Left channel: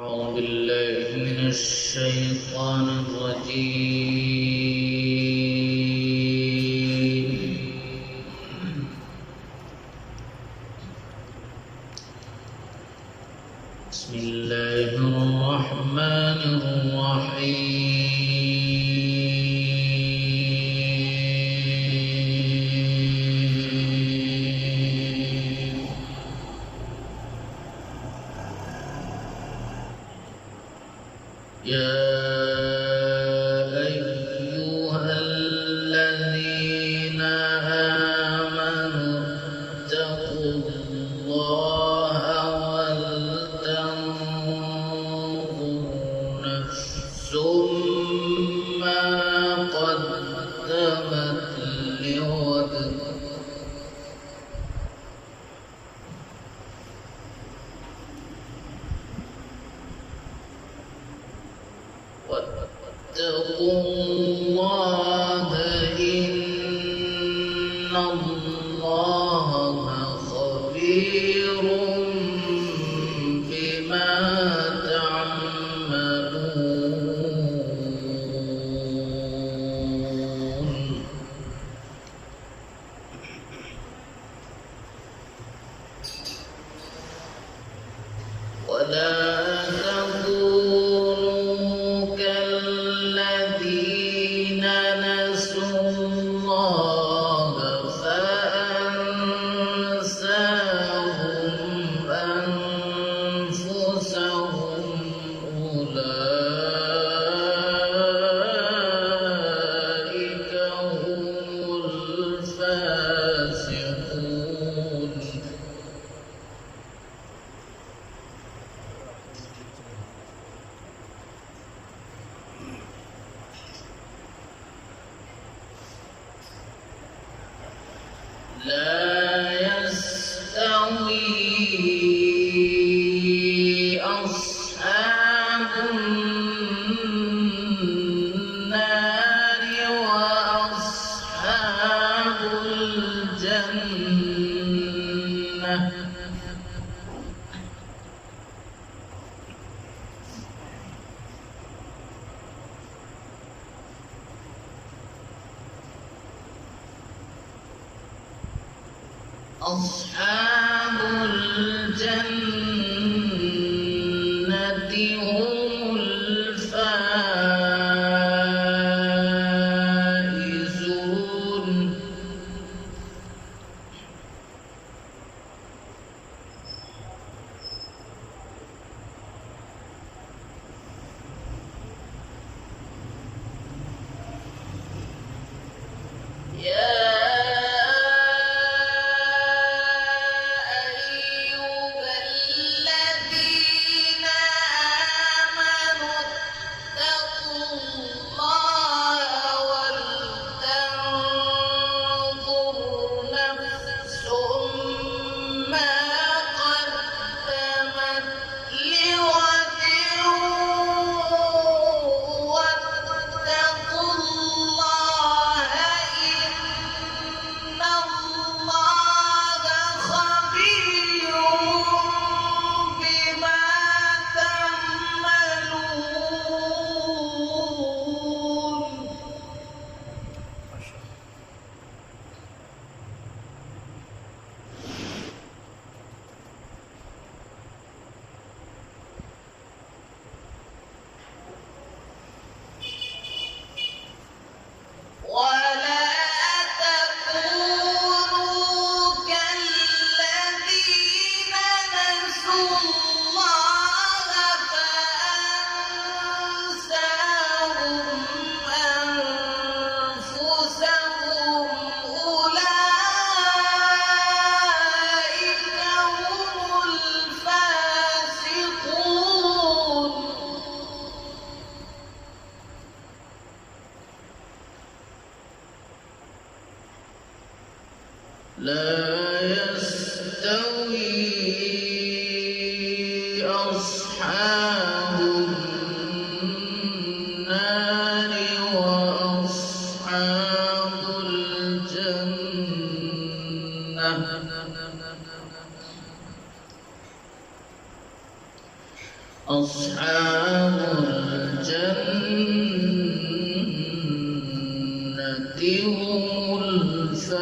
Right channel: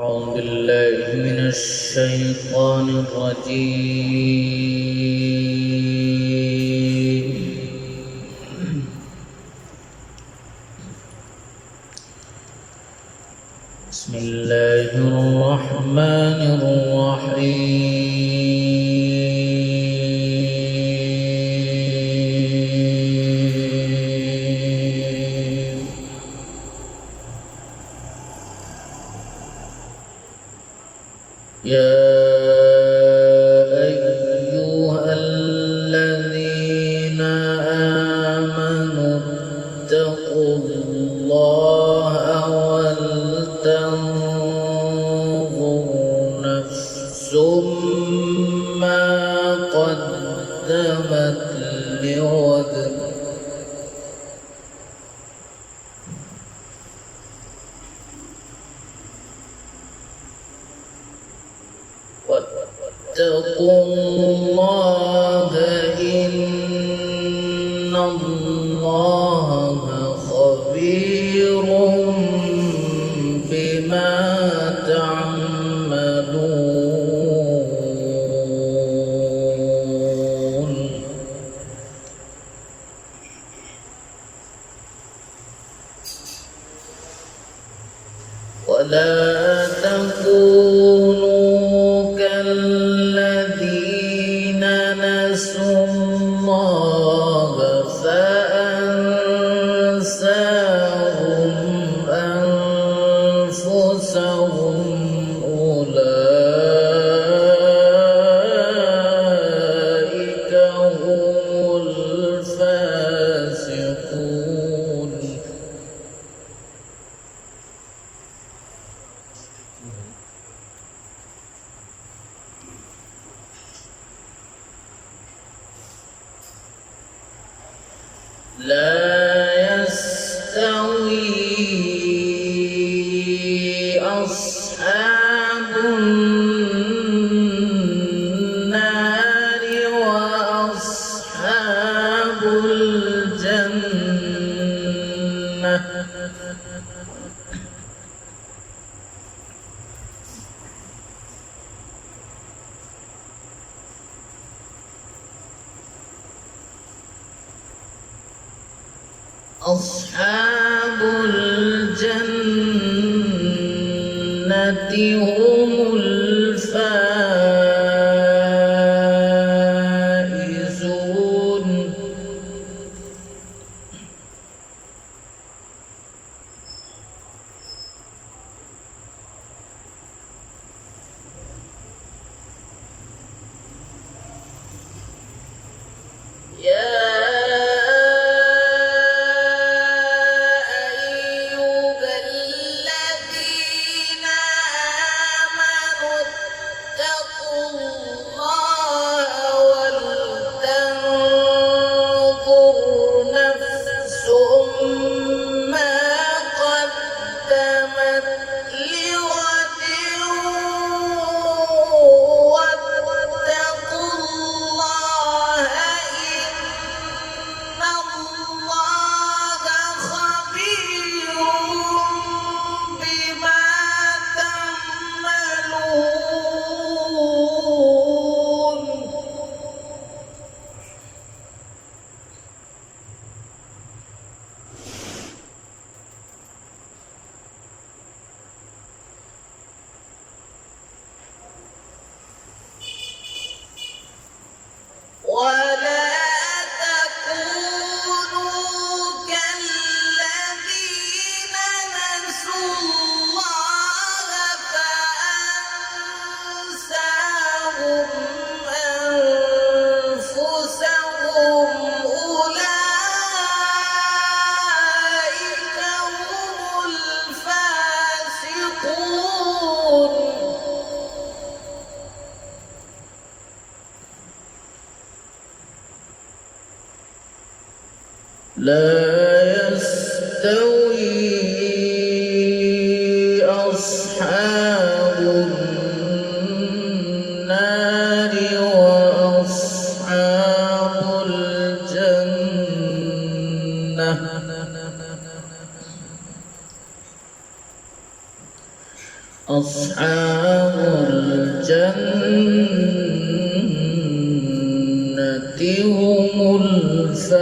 أعوذ بالله من الشيطان الرجيم. بسم الله الرحمن الرحيم. يا أيها الذين آمنوا اتقوا الله ولتنظر نفس ما قدمت لغد واتقوا الله إن الله خبير بما تعملون. ولا تكونوا كالذين نسوا الله فأنساهم أنفسهم أولئك هم الفاسقون. لا يستوي أصحاب النار وأصحاب الجنة. أصحاب الجنة هم الفائزون. ولا تكونوا كالذين نسوا الله فأنساهم أنفسهم أولئك هم الفاسقون. لا يستوي أصحاب النار وأصحاب الجنة. أصحاب الجنة هم الفائزون.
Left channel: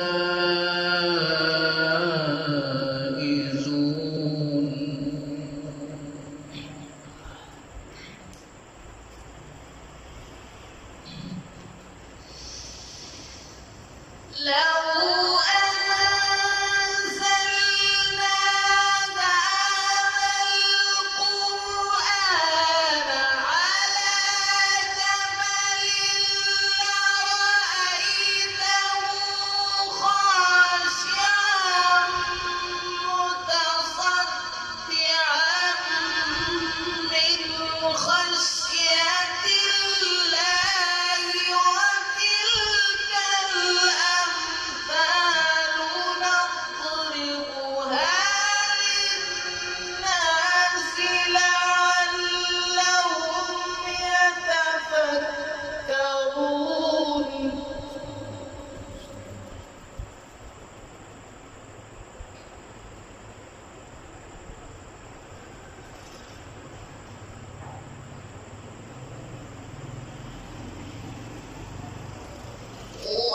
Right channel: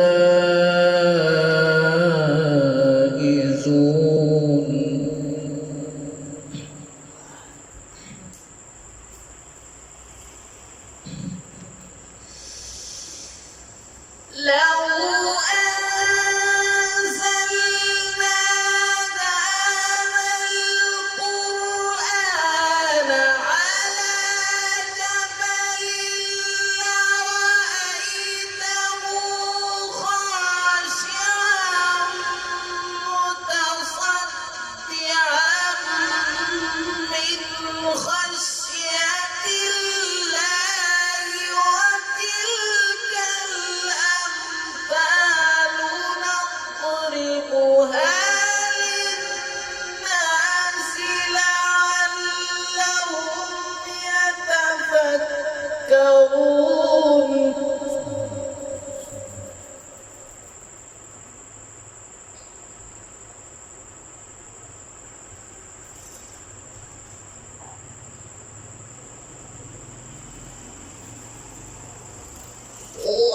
هو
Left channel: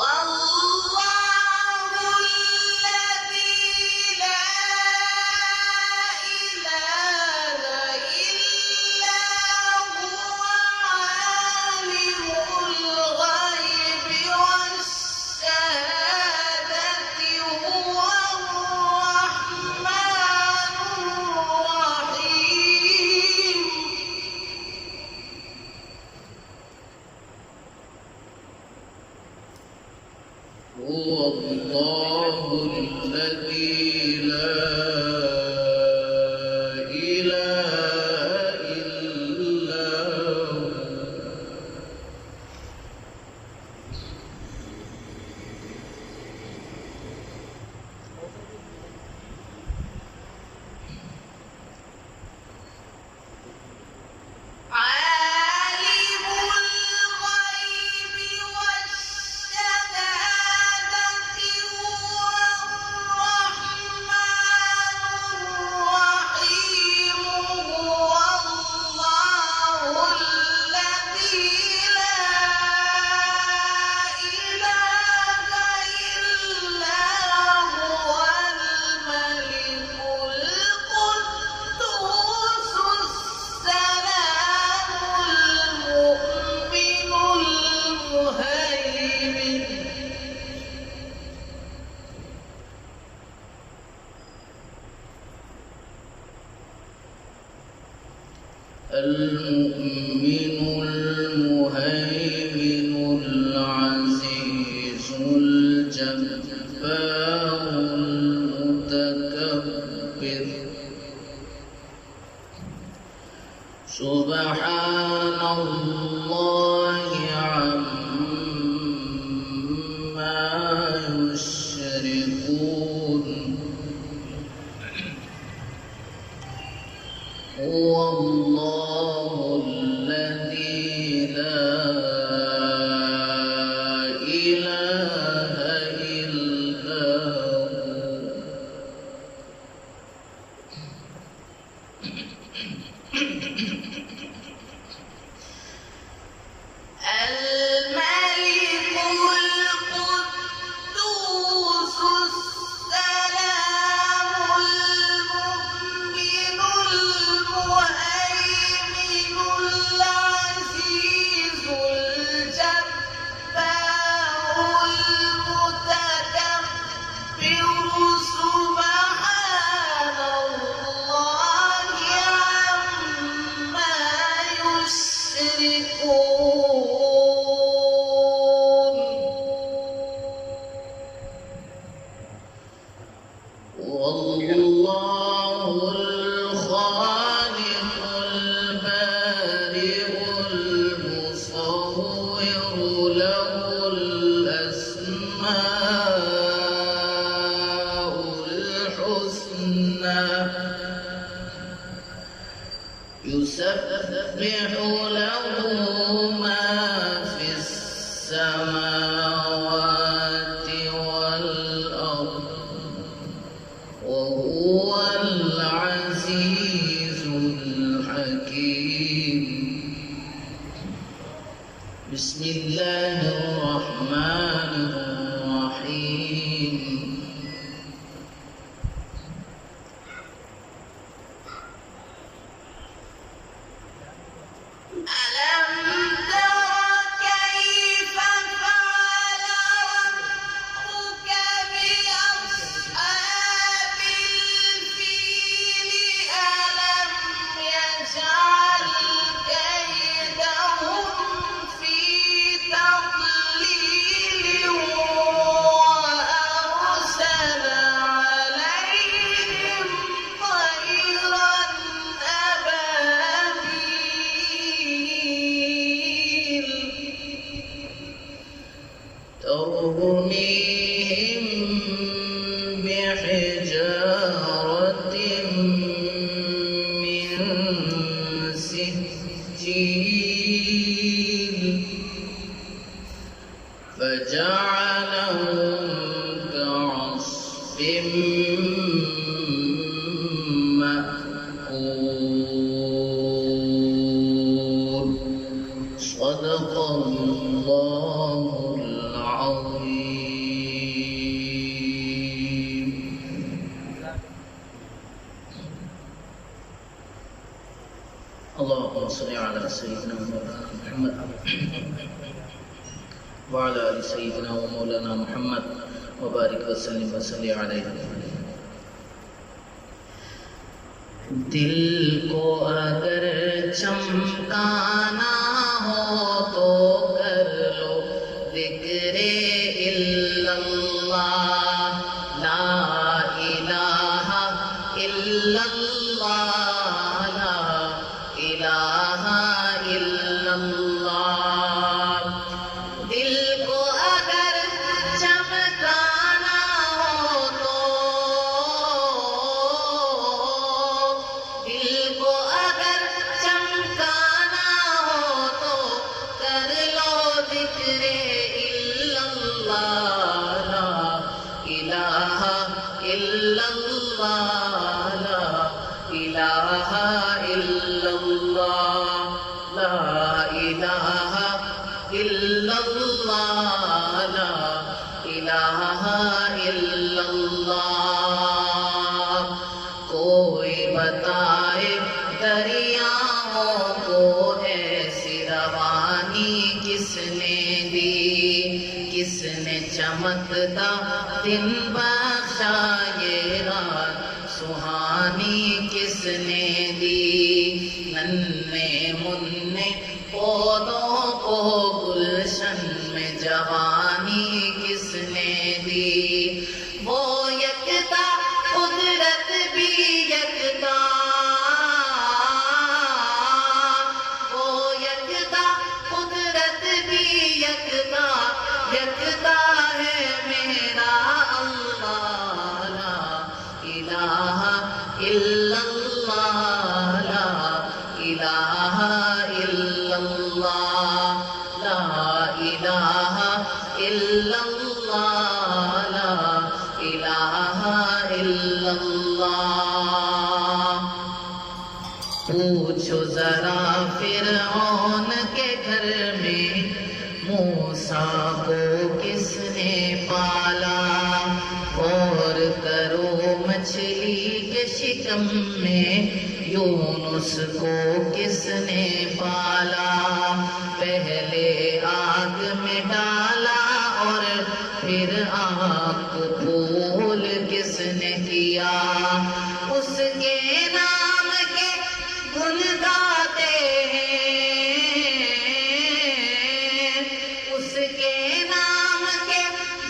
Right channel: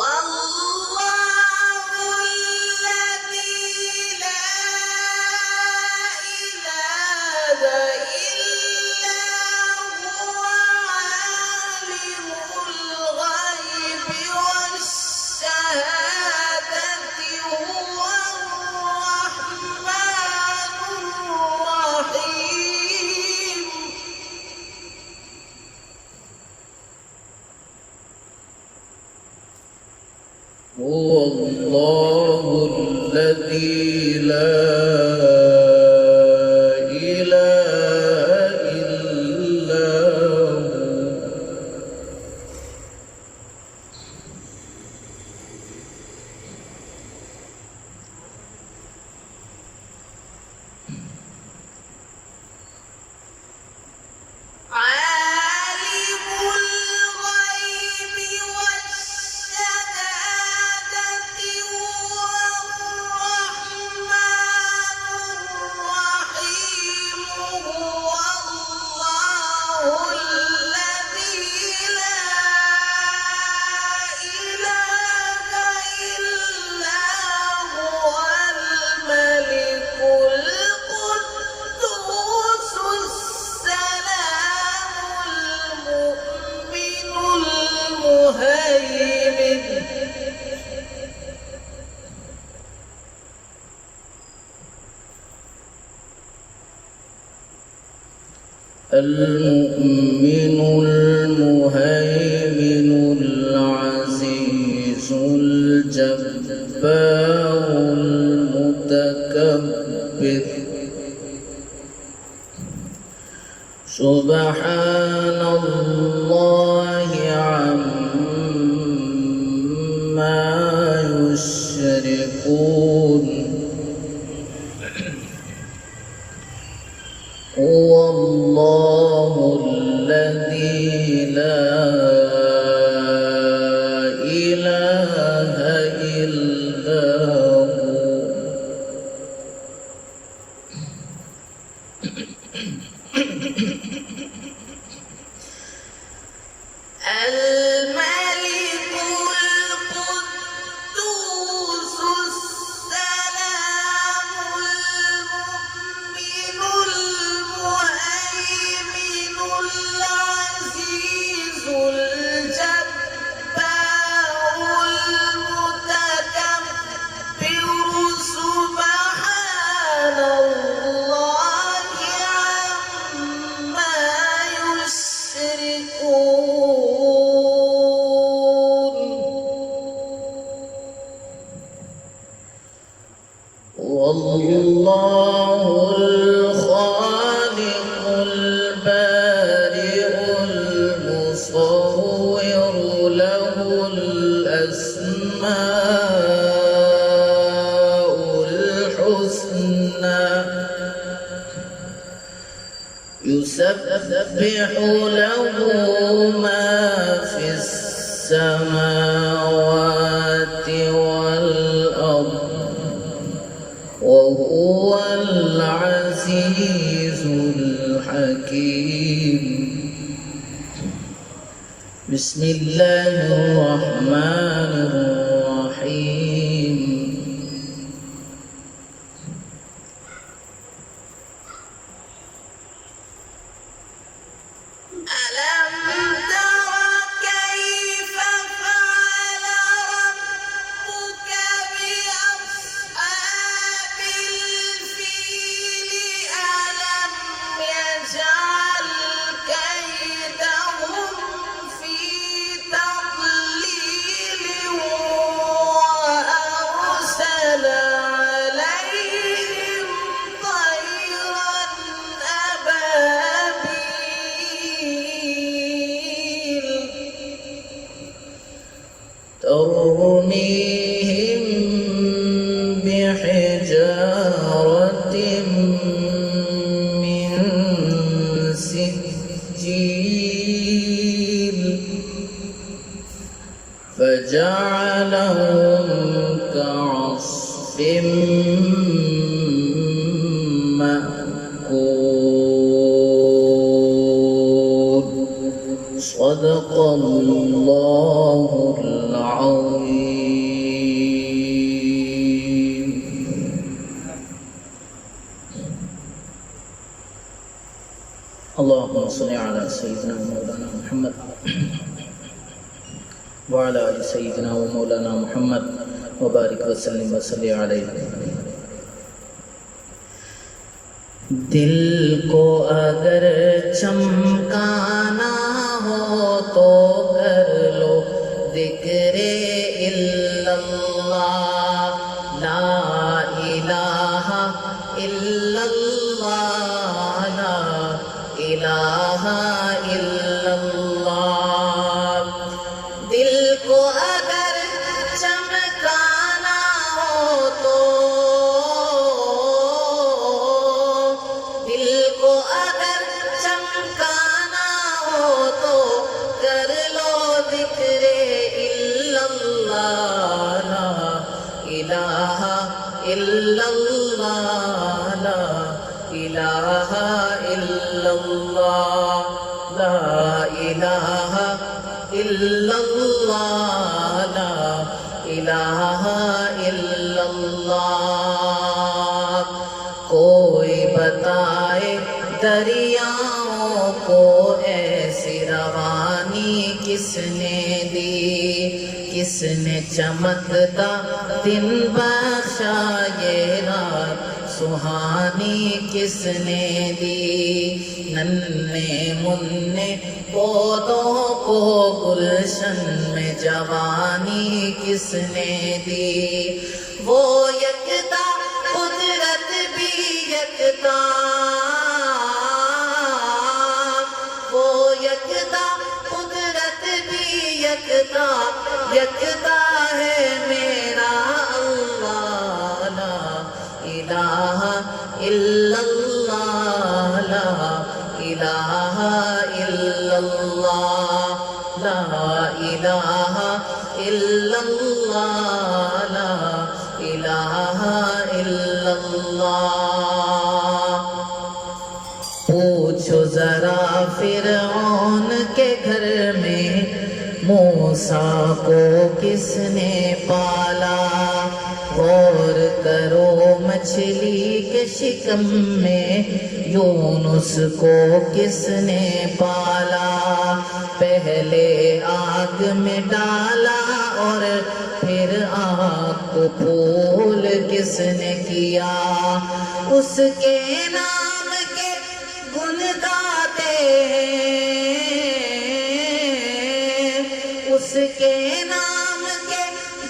الله الذي لا إله إلا هو. المؤمن المهيمن العزيز الجبار المتكبر سبحان الله عما يشركون. هو الله الذي لا إله إلا هو. الملك القدوس السلام المؤمن المهيمن العزيز الجبار المتكبر سبحان الله عما يشركون. والله الخالق البارئ المصور له الأسماء الحسنى يسبح له ما في السماوات والأرض وهو العزيز الحكيم. بسم الله الرحمن الرحيم ألم تر كيف فعل ربك بأصحاب الفيل ألم يجعل كيدهم في تضليل وأرسل عليهم طيرا أبابيل ترميهم بحجارة من سجيل فجعلهم كعصف مأكول صدق الله العظيم. اللهم صل على سيدنا مولانا محمد وعلى آل سيدنا ومولانا محمد وبارك وسلم وصل عليه. دل کو اگر چمکانا ہو تو کر لو ذکر الا اللہ لا الہ الا اللہ لا الہ الا اللہ. دل کو اگر چمکانا ہو تو دل کو اگر چمکانا ہو تو کر لو ذکر الا اللہ لا الہ الا اللہ لا الہ الا اللہ لا الہ الا اللہ لا الہ الا اللہ. کوئی بتائے دریاؤں کو ایسی روانی کس نے دی, کس نے چمکتا دن بخشا یہ رات سہانی کس نے دی. ننھے منھے پودوں کو گلشن میں جوانی کس نے دی. وہ یکتا قدرت بھی یکتا, وہ یکتا قدرت بھی یکتا, یکتا ہے میرا اللہ لا الہ الا اللہ لا الہ الا اللہ لا الہ الا اللہ لا الہ الا اللہ. پوچھو ذرا فرعون کے گھر میں موسیٰ کو کس نے پالا, غور کرو مچھلی کے شکم میں یونس کو کس نے پالا. پہلے آگ میں ڈالا اور پھر آگ کو پھول کس نے کیا. اس کے نام کے گن گاتے اس کے نام کے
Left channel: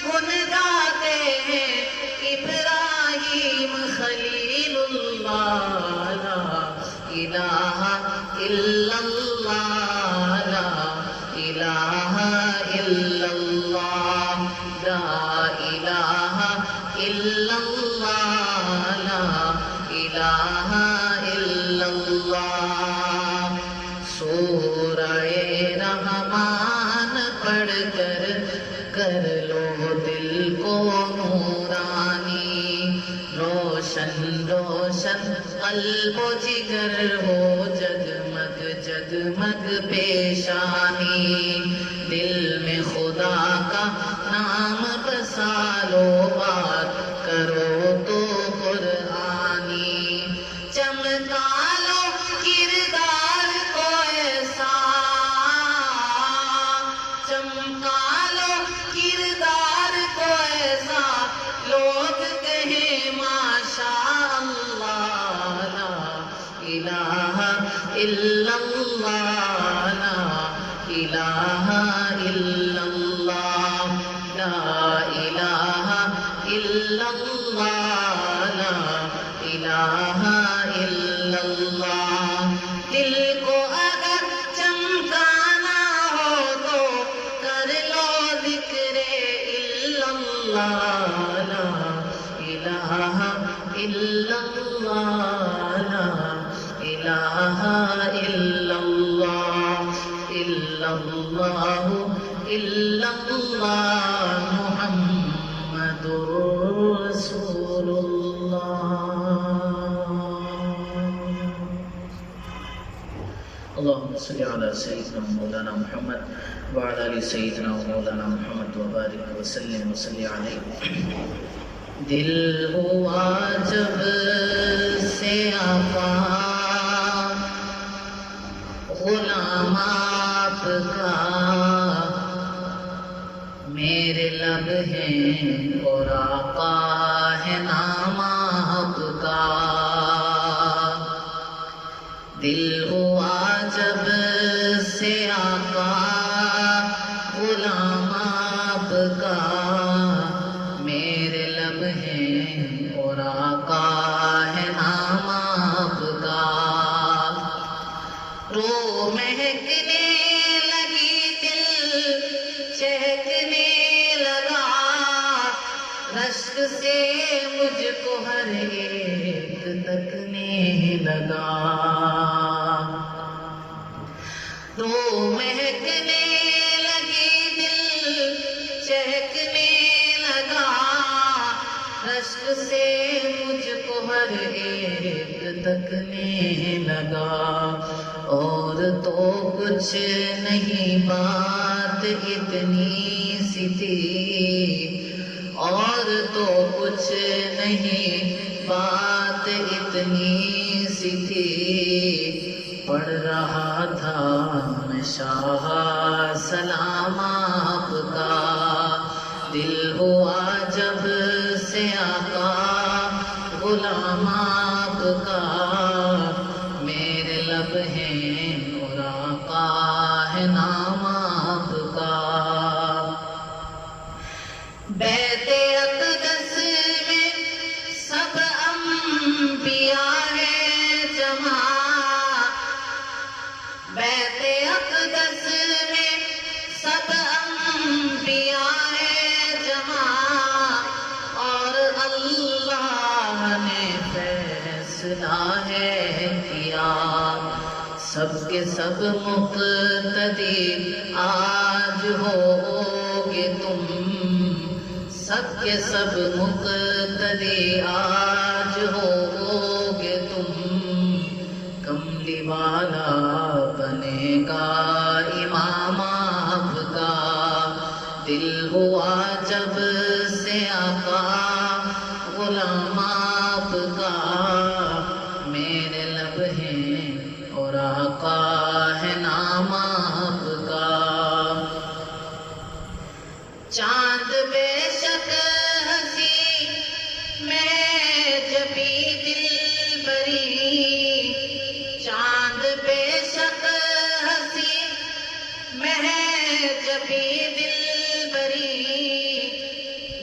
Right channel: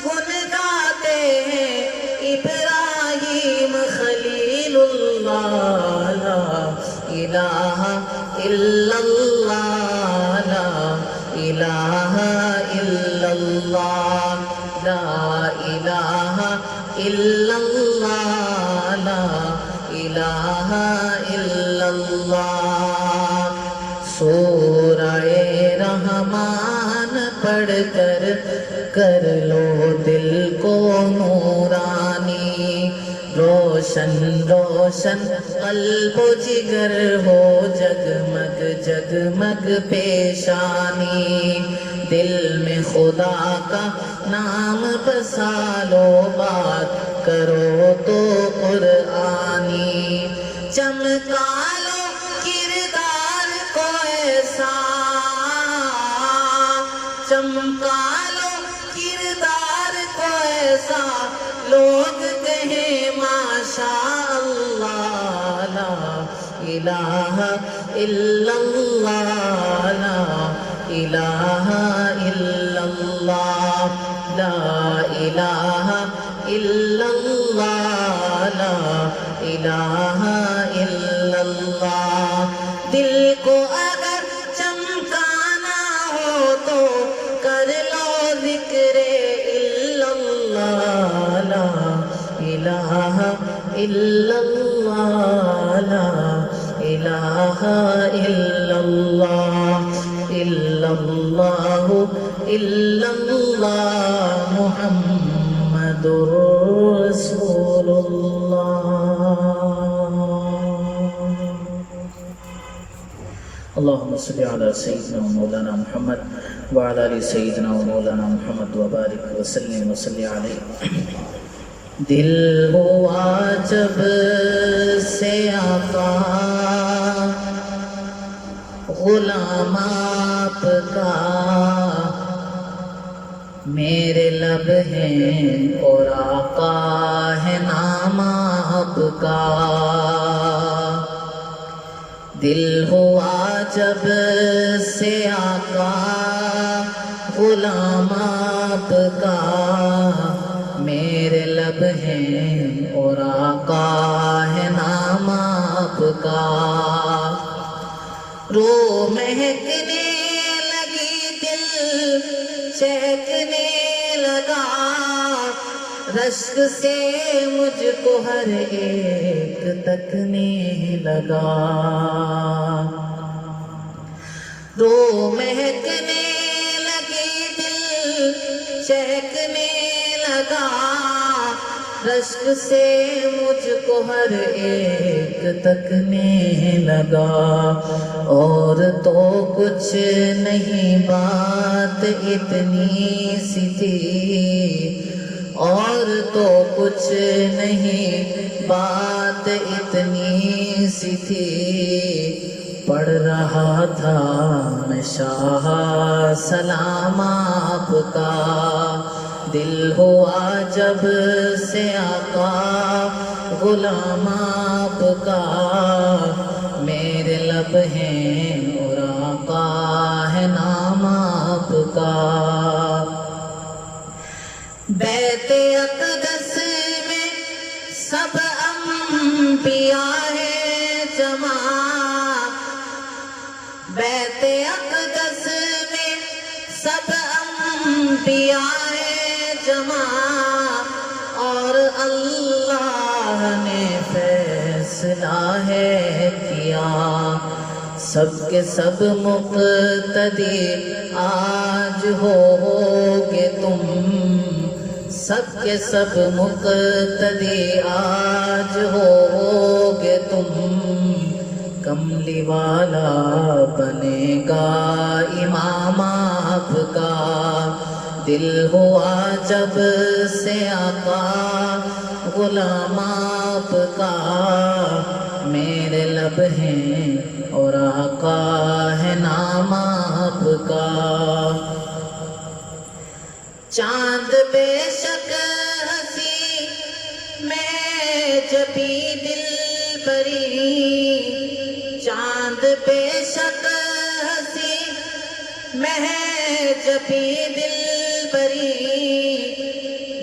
گن گاتے ابراہیم خلیل اللہ لا الہ الا اللہ لا الہ الا اللہ لا الہ الا اللہ لا الہ الا اللہ. سورہ رحمان پڑھ کر لو دل کو نورانی, روشن روشن قلب و جگر ہو جگمگ جگمگ پیشانی. دل میں خدا کا نام بسا لو، بات کرو تو قرآنی، چمکا لو کردار کو ایسا، چمکا لو کردار کو ایسا، لوگ کہیں ماشاء اللہ، لا الہ الا اللہ، لا الہ الا اللہ، لا الہ الا اللہ، لا الہ الا اللہ۔ دل کو اگر چمکانا ہو تو کر لو ذکر الا اللہ، لا الہ الا اللہ، لا الہ الا اللہ، الا اللہ الا اللہ، محمد رسول اللہ۔ اللهم صل على سيدنا مولانا محمد وعلى آل سيدنا مولانا محمد وبارك وسلم وصل عليه۔ دل ہوا جب سے آقا غلام آپ کا، میرے لب ہیں اور آقا ہے نام آپ کا۔ دل ہوا جب سے آقا غلام آپ کا، میرے لب ہیں اور آقا ہے نام آپ کا۔ رو مہکنے لگی دل چہکنے لگا، رشک سے مجھ کو ہر ایک تکنے لگا۔ رو مہکنے لگی دل چہکنے لگا، رشک سے مجھ کو ہر ایک تکنے لگا۔ اور تو کچھ نہیں بات اتنی سی تھی، اور تو کچھ نہیں بات اتنی سی تھی، پڑھ رہا تھا میں شاہ سلام آپ کا۔ دل ہوا جب سے آقا غلام آپ کا، میرے لب ہیں اور آقا ہے نام آپ کا۔ بیت اقدس میں سب انبیاء ہیں جمع، بیت اقدس میں سب انبیاء ہیں جمع، اور اللہ نے فیصلہ ہے کیا، سب کے سب مقتدی آج ہوگے تم، سب کے سب مقتدی آج ہوگے تم، کملی والا بنے گا امام آپ کا۔ دل ہوا جب سے آقا غلام آپ کا، میرے لب ہیں اور آقا ہے نام آپ کا۔ چاند بے شک ہنسی میں جبی دل بری، چاند بے شک ہنسی میں جبی دل بری،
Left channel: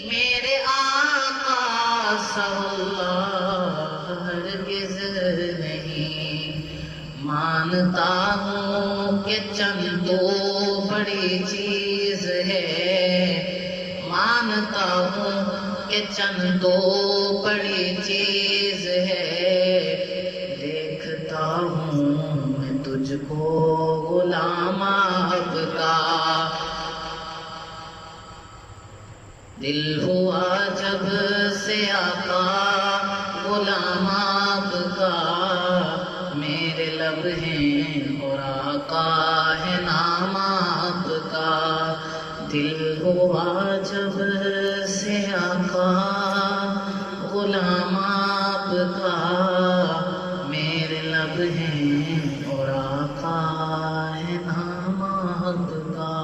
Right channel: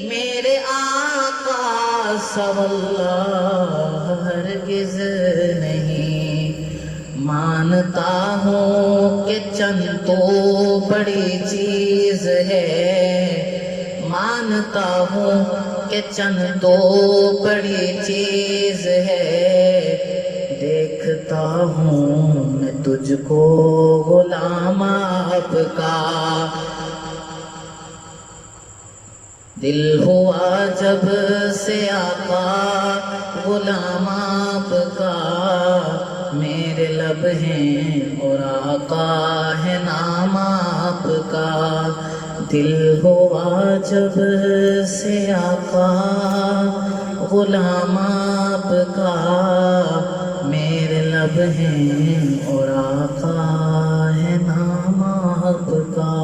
میرے آقا سا اللہ ہرگز نہیں۔ مانتا ہوں کہ چند تو بڑی چیز ہے، مانتا ہوں کہ چند تو بڑی چیز ہے، دیکھتا ہوں میں تجھ کو غلام آپ کا۔ دل ہوا جب سے آقا غلام آپ کا، میرے لب ہیں اور آقا ہے نام آپ کا۔ دل ہوا جب سے آقا غلام آپ کا، میرے لب ہیں اور آقا ہے نام آپ کا۔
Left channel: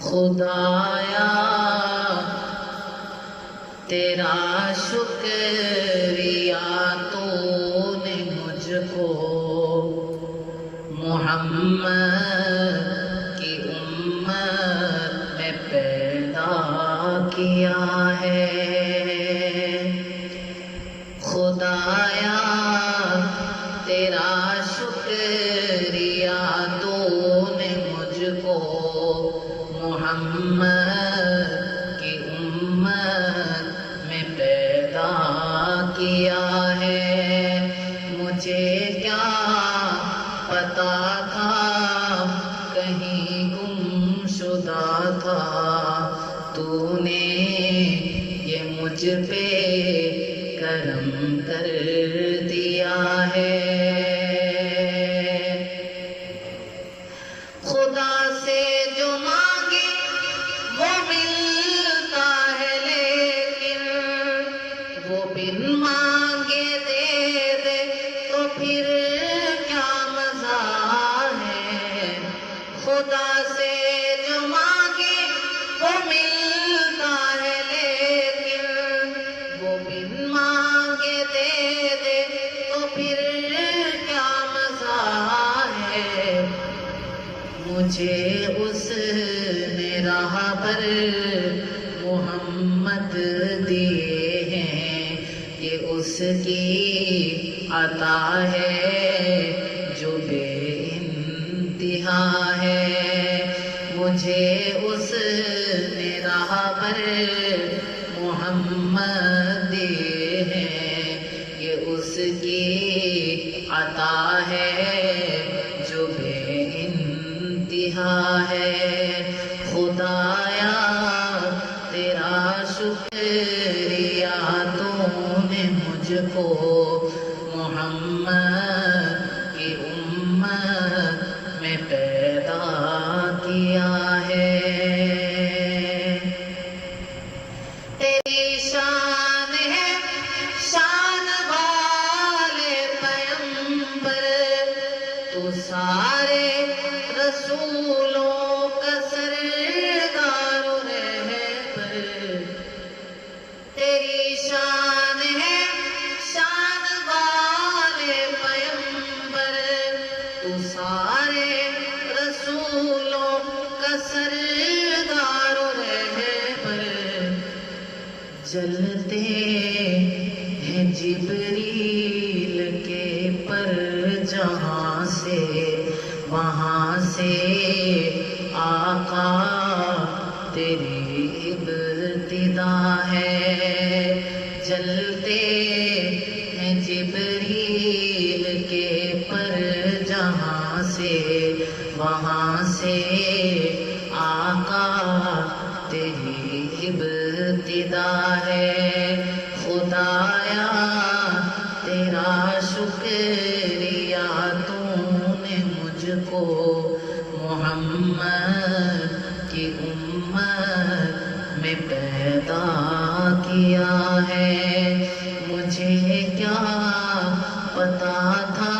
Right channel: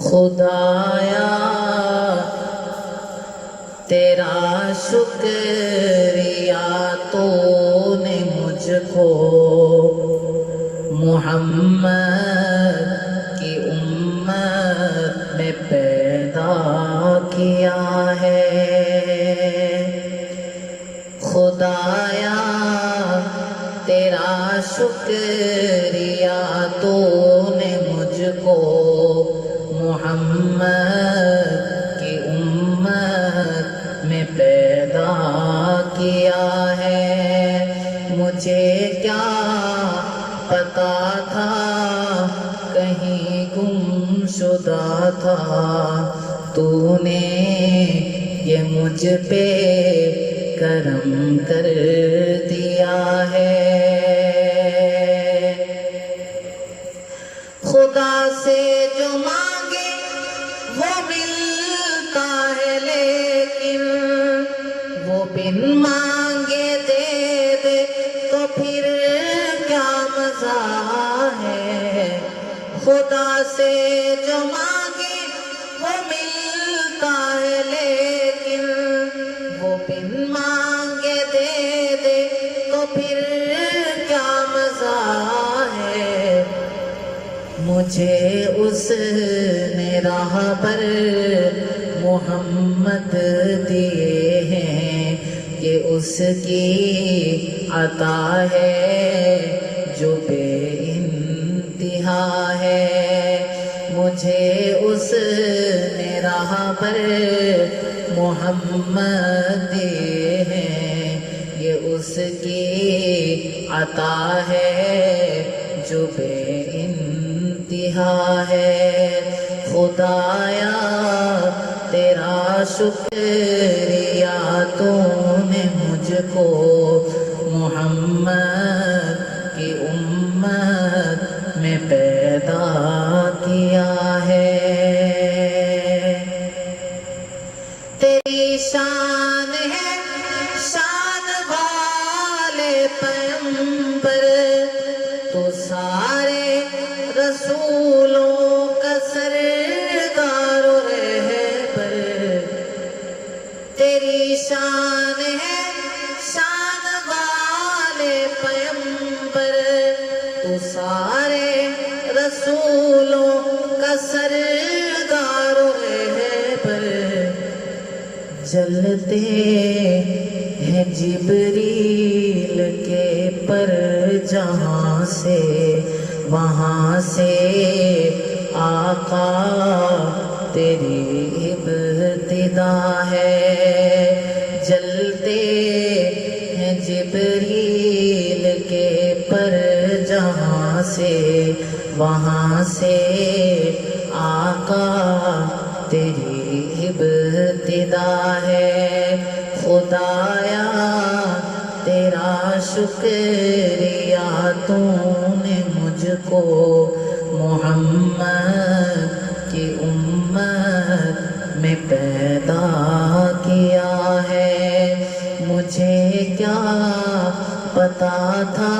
خدایا تیرا شکریہ تو نے مجھ کو محمد کی امت میں پیدا کیا ہے۔ خدایا تیرا شکریہ تو نے مجھ کو محمد کی امت میں پیدا کیا ہے۔ مجھے کیا پتا تھا کہیں گم شدہ تھا، تو نے یہ مجھ پہ کرم کر دیا ہے۔ خدا سے جو مانگے وہ ملتا ہے، لیکن وہ بن مانگے دے دے تو پھر کیا مزہ ہے۔ خدا سے جو مانگے وہ ملتا ہے، لیکن وہ بن مانگے دے دے تو پھر کیا مزہ ہے۔ مجھے اس نے راہ پر محمد دیے ہیں، یہ اس کی عطا ہے جو بے انتہا ہے۔ مجھے اس نے راہ پر محمد دیے ہیں، یہ اس کی عطا ہے جو بے انتہا ہے۔ خدایا تیرا شکریہ تو نے مجھ کو محمد کی امت میں پیدا کیا ہے۔ تیری شان ہے شان والے پیغمبر، تو سارے رسولوں کا سردار و رہبر۔ تیری شان ہے شان والے پیغمبر، تو سارے رسولوں کا سردار و رہبر۔ جلتے ہیں جبریل کے پر جہاں سے، وہاں سے آقا تیری ابتدا ہے۔ جلتے ہیں جبریل کے پر جہاں سے، وہاں سے آقا تیری ابتدا ہے۔ خدایا تیرا شکریہ تو نے مجھ کو محمد کی امت میں پیدا کیا ہے۔ مجھے کیا پتا تھا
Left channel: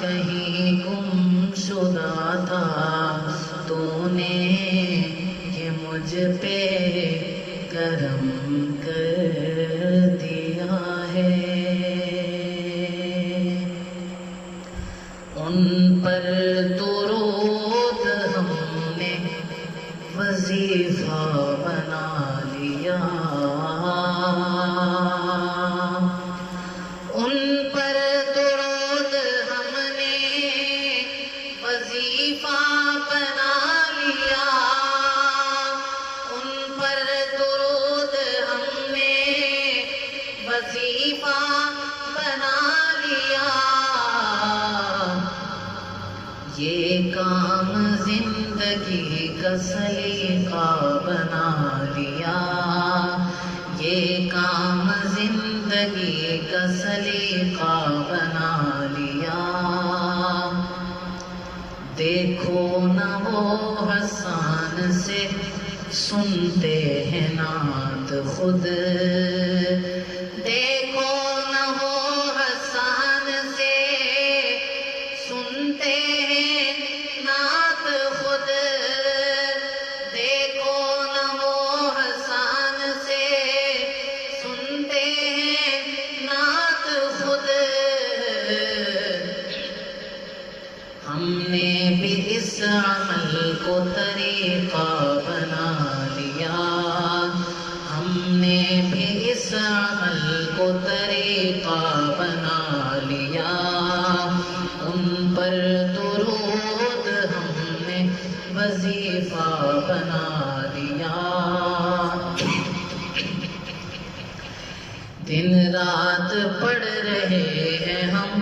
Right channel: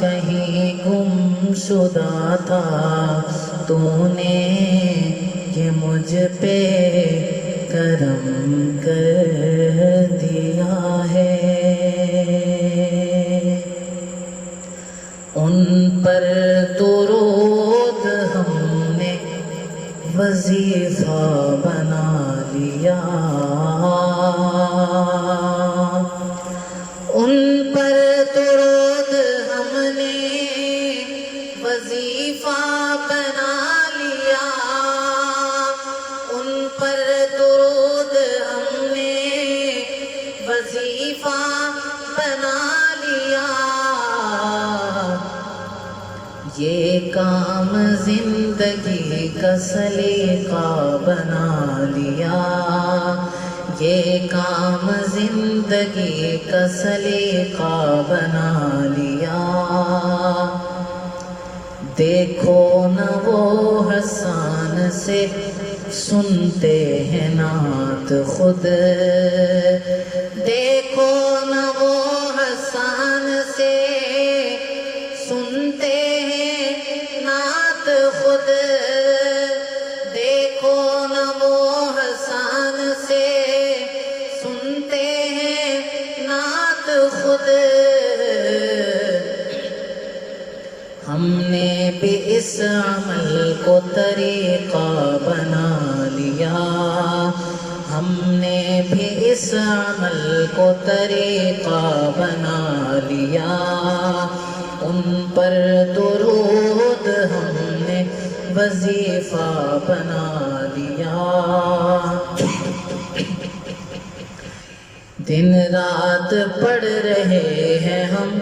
کہیں گم شدہ تھا، تو نے یہ مجھ پہ کرم کر دیا ہے۔ ان پر درود ہم نے وظیفہ بنا لیا، ان پر درود ہم نے وظیفہ بنا لیا، ان پر درود ہم نے وظیفہ بنا لیا۔ یہ کام زندگی کا سلیقہ بنا لیا، یہ کام زندگی کا سلیقہ بنا لیا۔ دیکھو نہ وہ حسان سے سنتے ہیں نعت خود، دیکھو نہ وہ حسان سے سنتے ہیں نعت خود، دیکھو نہ وہ حسان سے سنتے ہیں نعت خود۔ ہم نے بھی اس عمل کو طریقہ بنا لیا، ہم نے بھی اس عمل کو طریقہ بنا لیا، ان پر درود ہم نے وظیفہ بنا لیا۔ دن رات پڑھ رہے ہیں ہم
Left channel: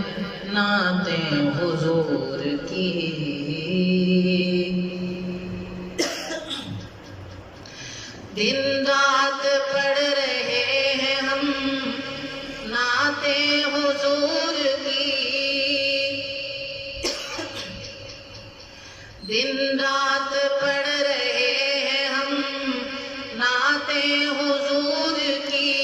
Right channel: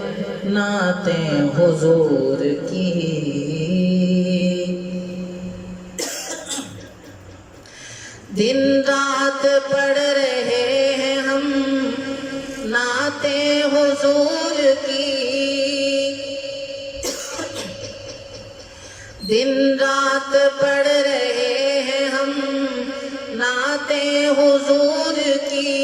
نعتیں حضور کی، دن رات پڑھ رہے ہیں ہم نعتیں حضور کی، دن رات پڑھ رہے ہیں ہم نعتیں حضور کی۔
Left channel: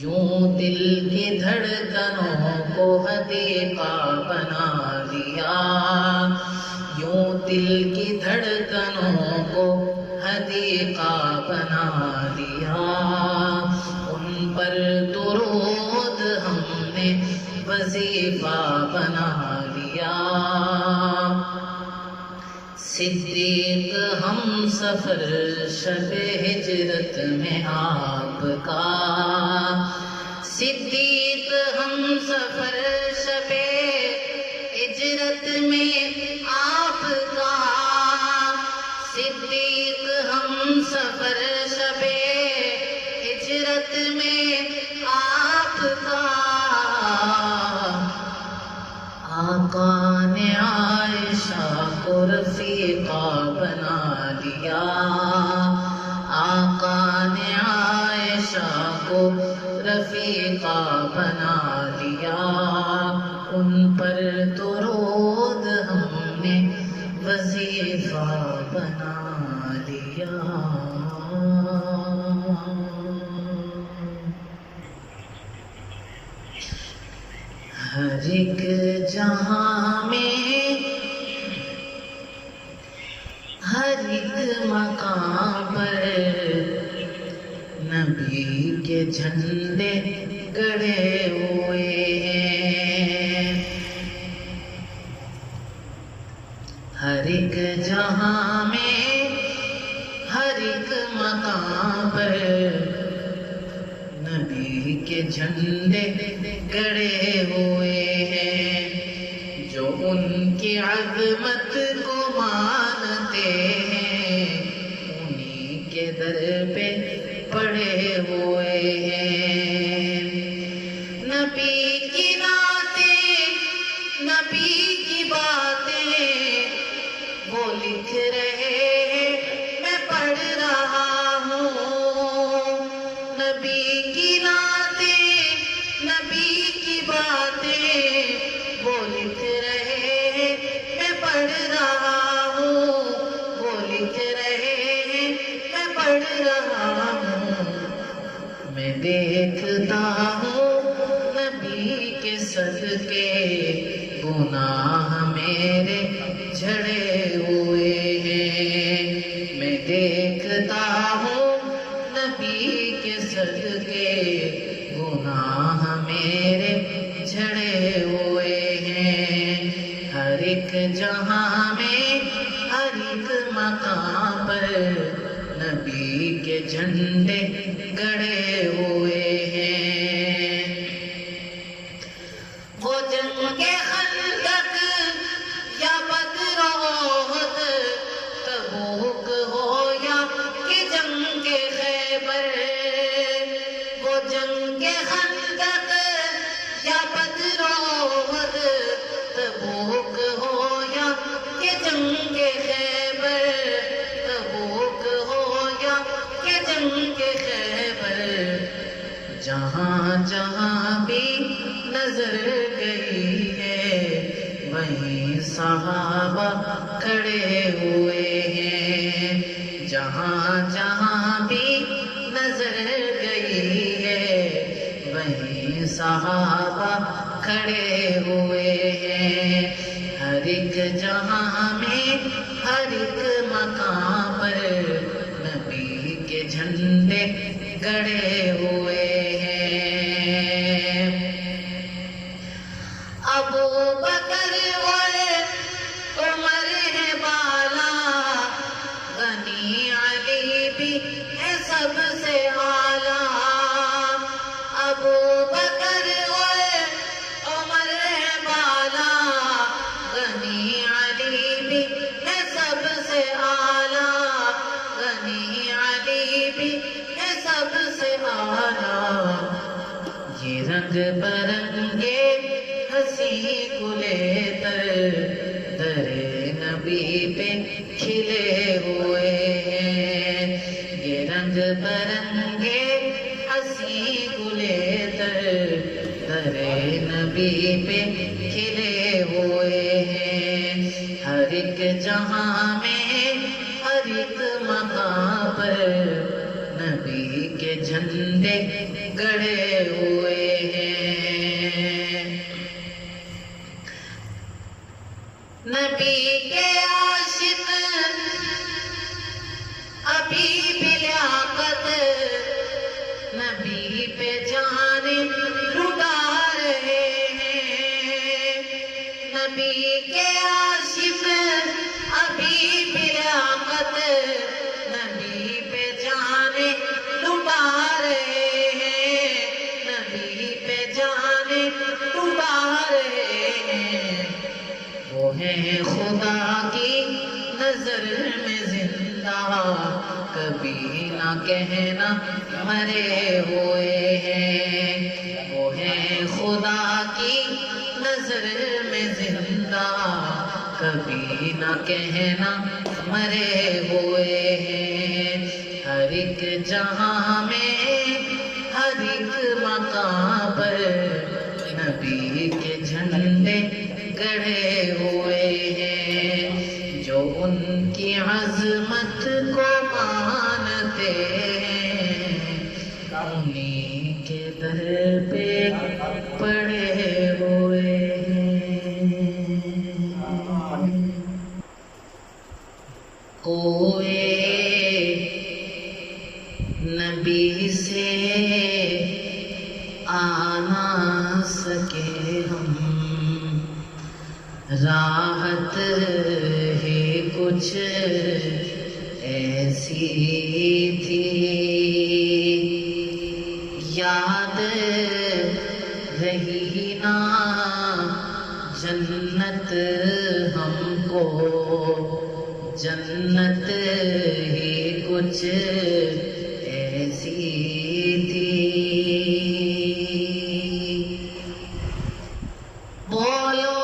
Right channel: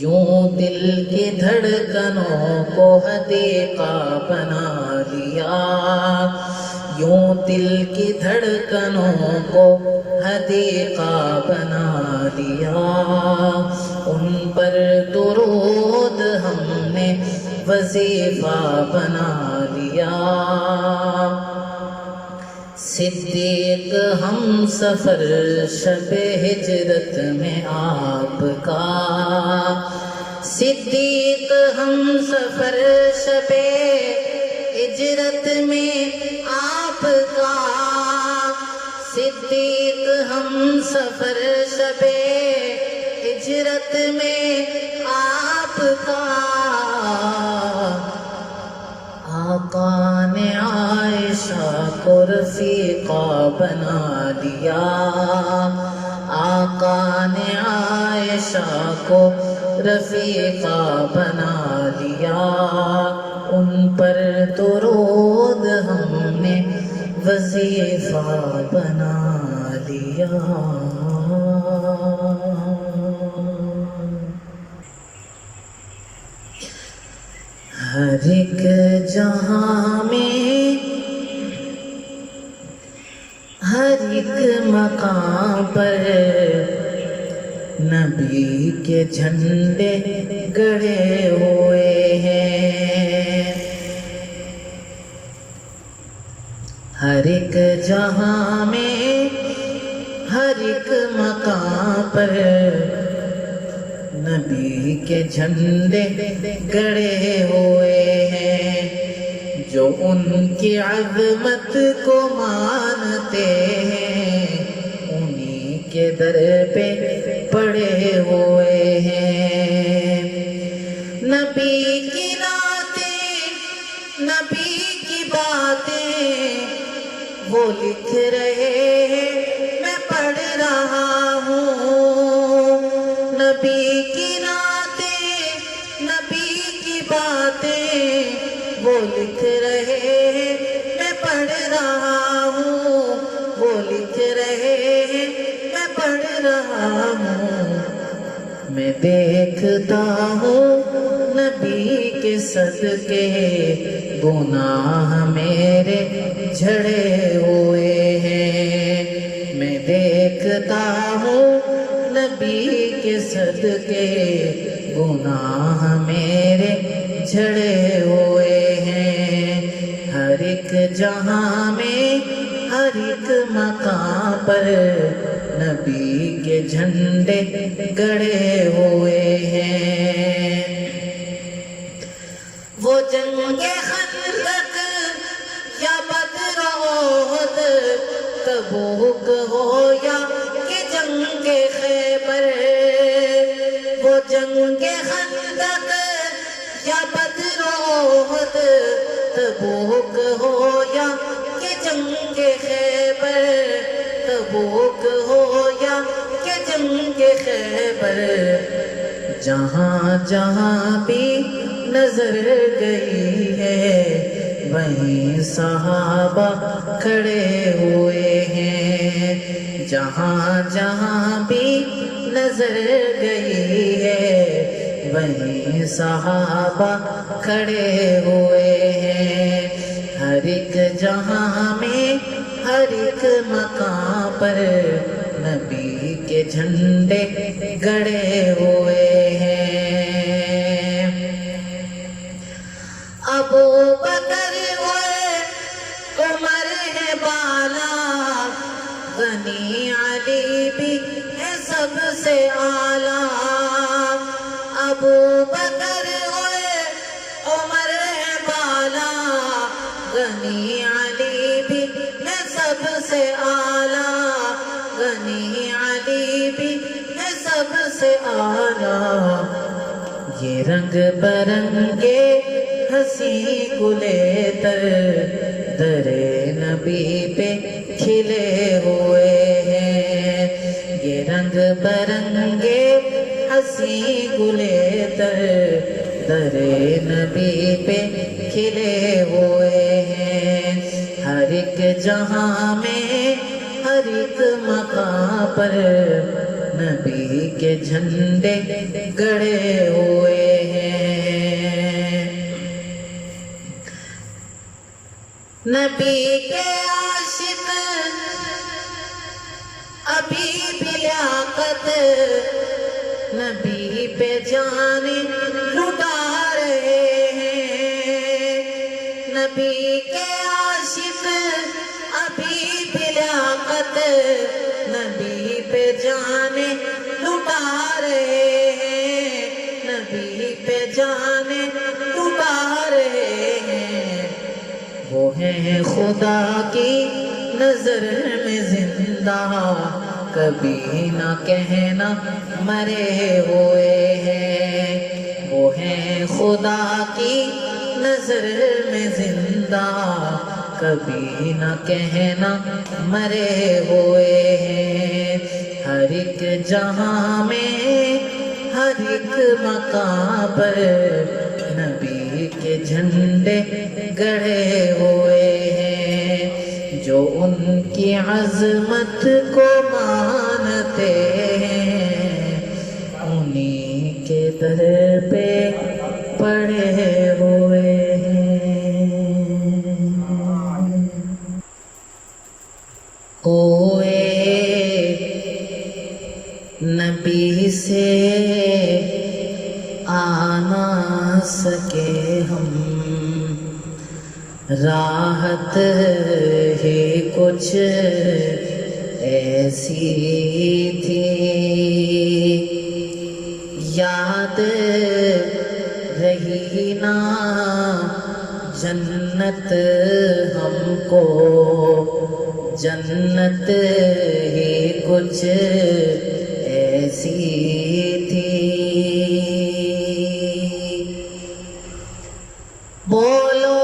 یوں دل کی دھڑکنوں کو حدیقہ بنا لیا، یوں دل کی دھڑکنوں کو حدیقہ بنا لیا، ان پر درود ہم نے وظیفہ بنا لیا۔ صدیق ہم سفر شب ہجرت میں آپ کا، صدیق ہم سفر شب ہجرت میں آپ کا، صدیق ہم سفر شب ہجرت میں آپ کا۔ آقا نے عائشہ کو رفیقہ بنا لیا، آقا نے عائشہ کو رفیقہ بنا لیا، ان پر درود ہم نے وظیفہ بنا لیا۔ ہر ایک جہاں میں ہر ایک مقام پر نبی کے جھنڈے گڑے ہوئے ہیں، ہر ایک جہاں میں ہر ایک مقام پر نبی کے جھنڈے گڑے ہوئے ہیں، جو ان کی عظمت کو مانتے ہیں انہی کے در پہ پڑے ہوئے ہیں۔ نبی کی نعتیں، نبی کی باتیں وہ لکھ رہے ہیں، میں پڑھ رہا ہوں۔ نبی کی نعتیں، نبی کی باتیں وہ لکھ رہے ہیں، میں پڑھ رہا ہوں، وہ لکھ رہے ہیں، میں پڑھ رہا ہوں۔ میں دیکھتا ہوں نبی کے صدقے گناہ میرے جھڑے ہوئے ہیں، میں دیکھتا ہوں نبی کے صدقے گناہ میرے جھڑے ہوئے ہیں۔ ہر ایک جہاں میں ہر ایک مقام پر نبی کے جھنڈے گڑے ہوئے ہیں۔ وہ جنگ خندق یا بدر احد، تبوک ہو یا کہ جنگ خیبر، وہ جنگ خندق یا بدر احد، تبوک ہو یا کہ جنگ خیبر، تبوک ہو یا کہ جنگ خیبر، جہاں جہاں بھی نظر گئی ہے صحابہ کھڑے ہوئے ہیں، جہاں جہاں بھی نظر گئی ہے وہیں صحابہ کھڑے ہوئے ہیں، ہر ایک جہاں میں ہر ایک مقام پر نبی کے جھنڈے گڑے ہوئے ہیں۔ ابو بکر اور عمر ہے بالا، غنی علی بھی ہے سب سے اعلیٰ۔ ابو بکر اور عمر ہے بالا، غنی علی بھی ہے سب سے اعلیٰ، غنی علی بھی ہے سب سے اعلیٰ۔ یہ رنگ برنگے ہنسی گلے در نبی پہ کھلے ہوئے ہیں، یہ رنگ برنگے ہنسی گلے در نبی پہ کھلے ہوئے ہیں، ہر ایک جہاں میں ہر ایک مقام پر نبی کے جھنڈے گڑے ہوئے ہیں۔ نبی کے عاشق ابھی بھی لیاقت نبی پہ جان لٹا رہے ہیں، نبی کے عاشق ابھی بھی لیاقت نبی پہ جان لٹا رہے ہیں، نبی پہ جان لٹا رہے ہیں۔ وہ ہیں خدا کی نظر میں زندہ، کبھی نہ کہنا مرے ہوئے ہیں، وہ ہیں خدا کی نظر میں زندہ، کبھی نہ کہنا مرے ہوئے ہیں، ہر ایک جہاں میں ہر ایک مقام پر نبی کے جھنڈے گڑے ہوئے ہیں، جو ان کی عظمت کو مانتے ہیں انہی کے در پہ پڑے ہوئے ہیں۔ ہوئے نبی سے آنا سکے ہم، راحت ہی کچھ ایسی تھی، یاد رہی نا جنت ہم کو، جنت ہی کچھ ایسی تھی۔ بولو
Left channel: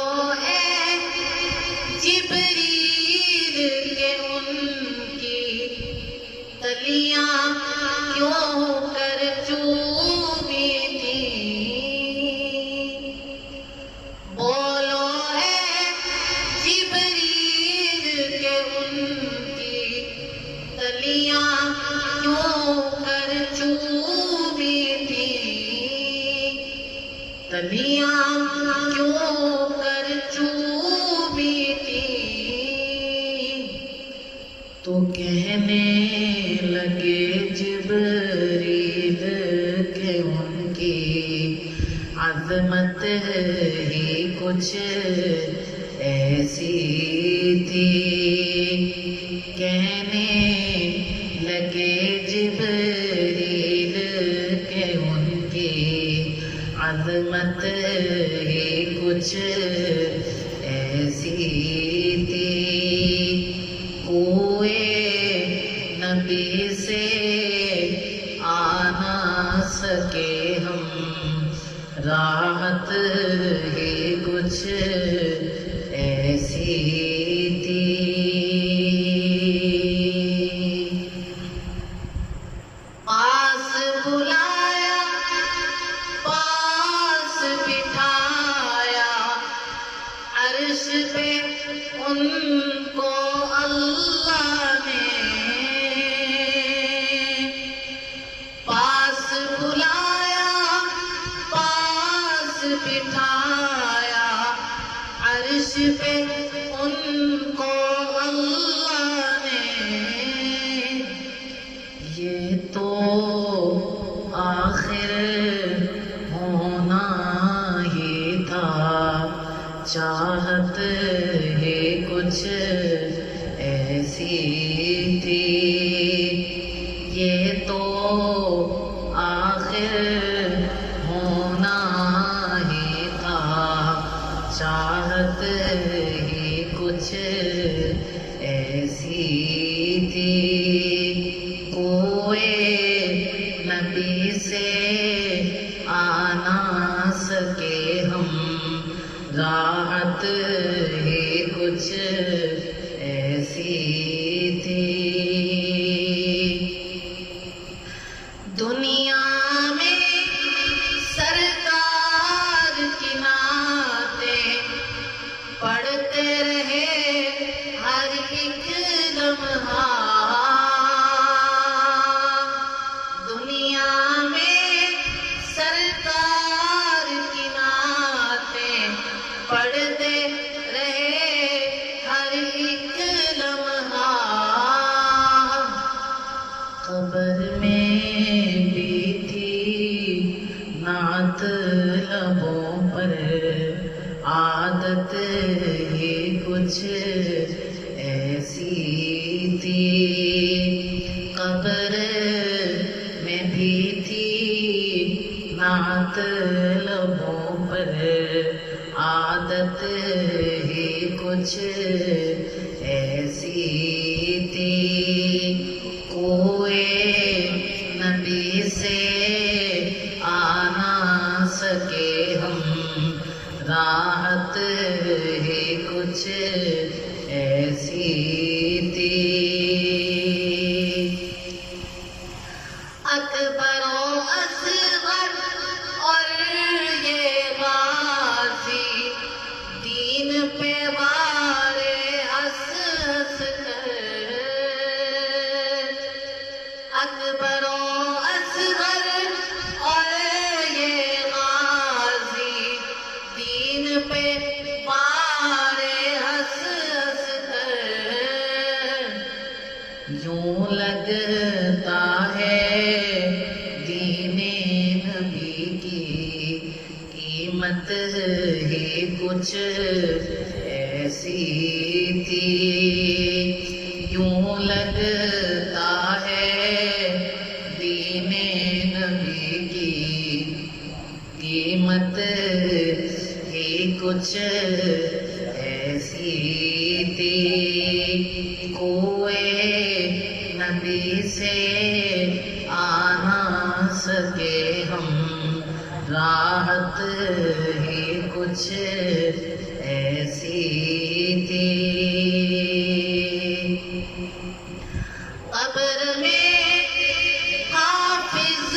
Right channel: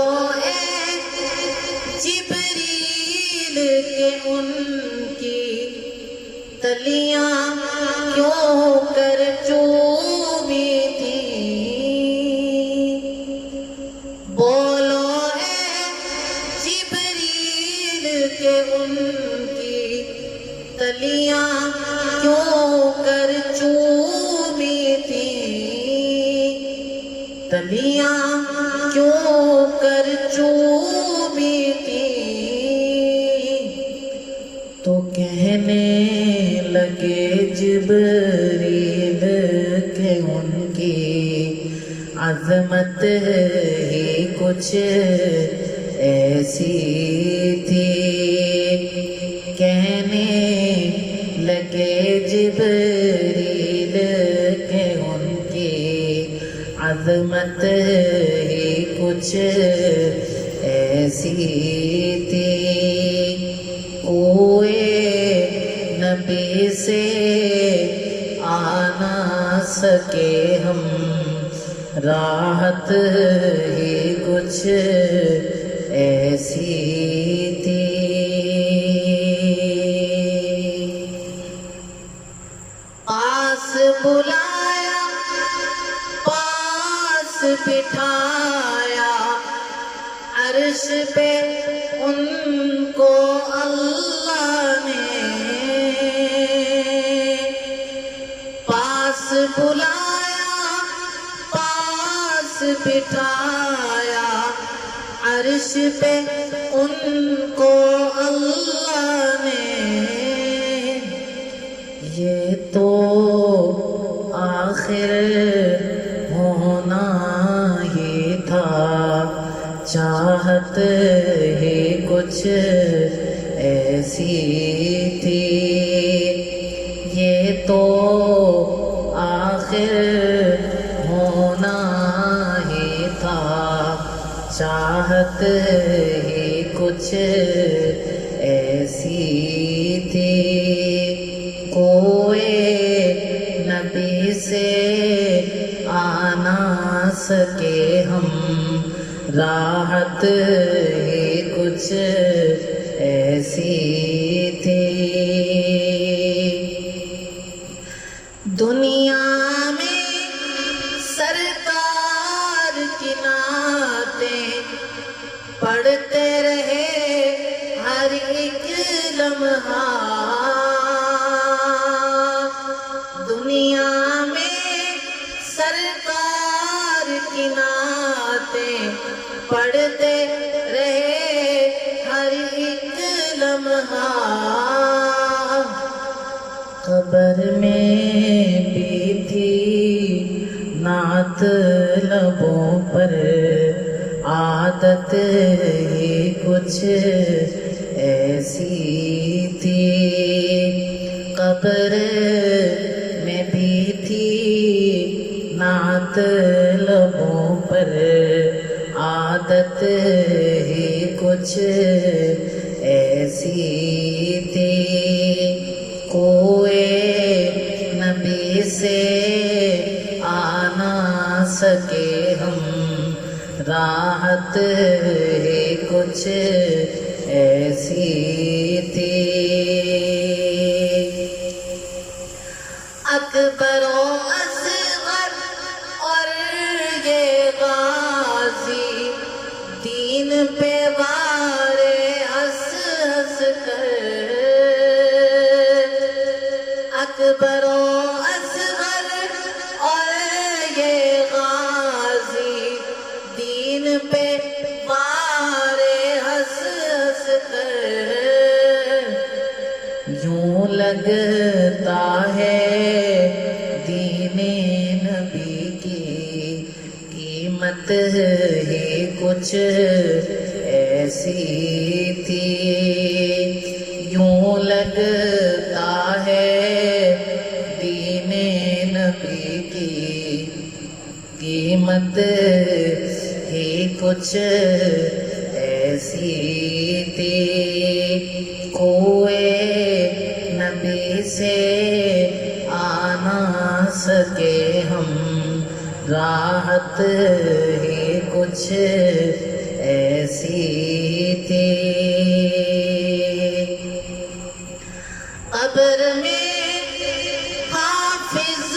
اے جبریل کہ ان کی تلیاں کیوں کر چوبی تھیں، بولو اے جبریل کہ ان کی تلیاں کیوں کر چوبی تھیں، تلیاں کیوں کر چوبی تھیں۔ تو کہنے لگے جبریل کہ ان کی عظمت ہی کچھ ایسی تھی، کہنے لگے جبریل کہ ان کی عظمت ہی کچھ ایسی تھی، کوئے نبی سے آ نہ سکے ہم، راحت ہی کچھ ایسی تھی۔ پاس بلایا پاس بٹھایا، عرش عرش پہ ان کو اللہ نے پاس بلایا، پاس بٹھایا، عرش پہ ان کو اللہ نے۔ یہ تو آخر ہونا ہی تھا، چاہت ہی کچھ ایسی تھی۔ یہ تو آخر ہونا ہی تھا، چاہت ہی کچھ ایسی تھی۔ کوئی نبی سے آ نہ سکے ہم، راحت ہی کچھ ایسی تھی۔ دنیا میں سرکار کی نعتیں پڑھتے رہے ہر ایک لمحہ، دنیا میں سرکار کی نعتیں پڑھتے رہے ہر ایک لمحہ۔ قبر میں بھی تھی نعت لبوں پر، عادت ہی کچھ ایسی تھی۔ قبر میں بھی تھی نعت لبوں پر، عادت ہی کچھ ایسی تھی۔ کوئی نبی سے آ نہ سکے ہم، راحت ہی کچھ ایسی تھی۔ اکبر و اصغر اور یہ غازی دین پہ وارے ہنس ہنس کر، اکبر و اصغر اور یہ غازی دین پہ وارے ہنس ہنس کر۔ یوں لگتا ہے دین نبی کی قیمت ہی کچھ ایسی تھی۔ یوں لگتا ہے دین نبی کی قیمت ہی کچھ ایسی تھی۔ کوئی نبی سے آ نہ سکے ہم، راحت ہی کچھ ایسی تھی۔ قبر میں حافظ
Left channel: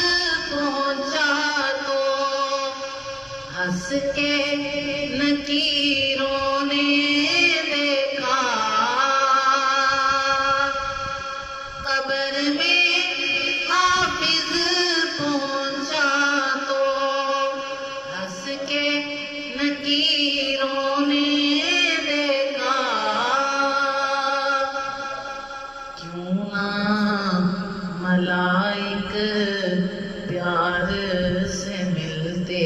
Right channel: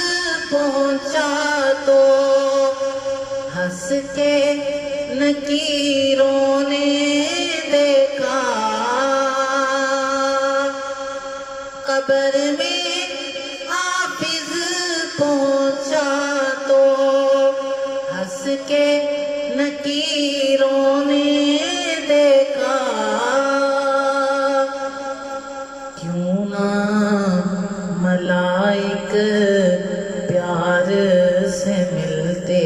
پہنچا تو ہنس کے نکیروں نے دیکھا، قبر میں حافظ پہنچا تو ہنس کے نکیروں نے دیکھا۔ کیوں نہ ملائک پیار سے ملتے،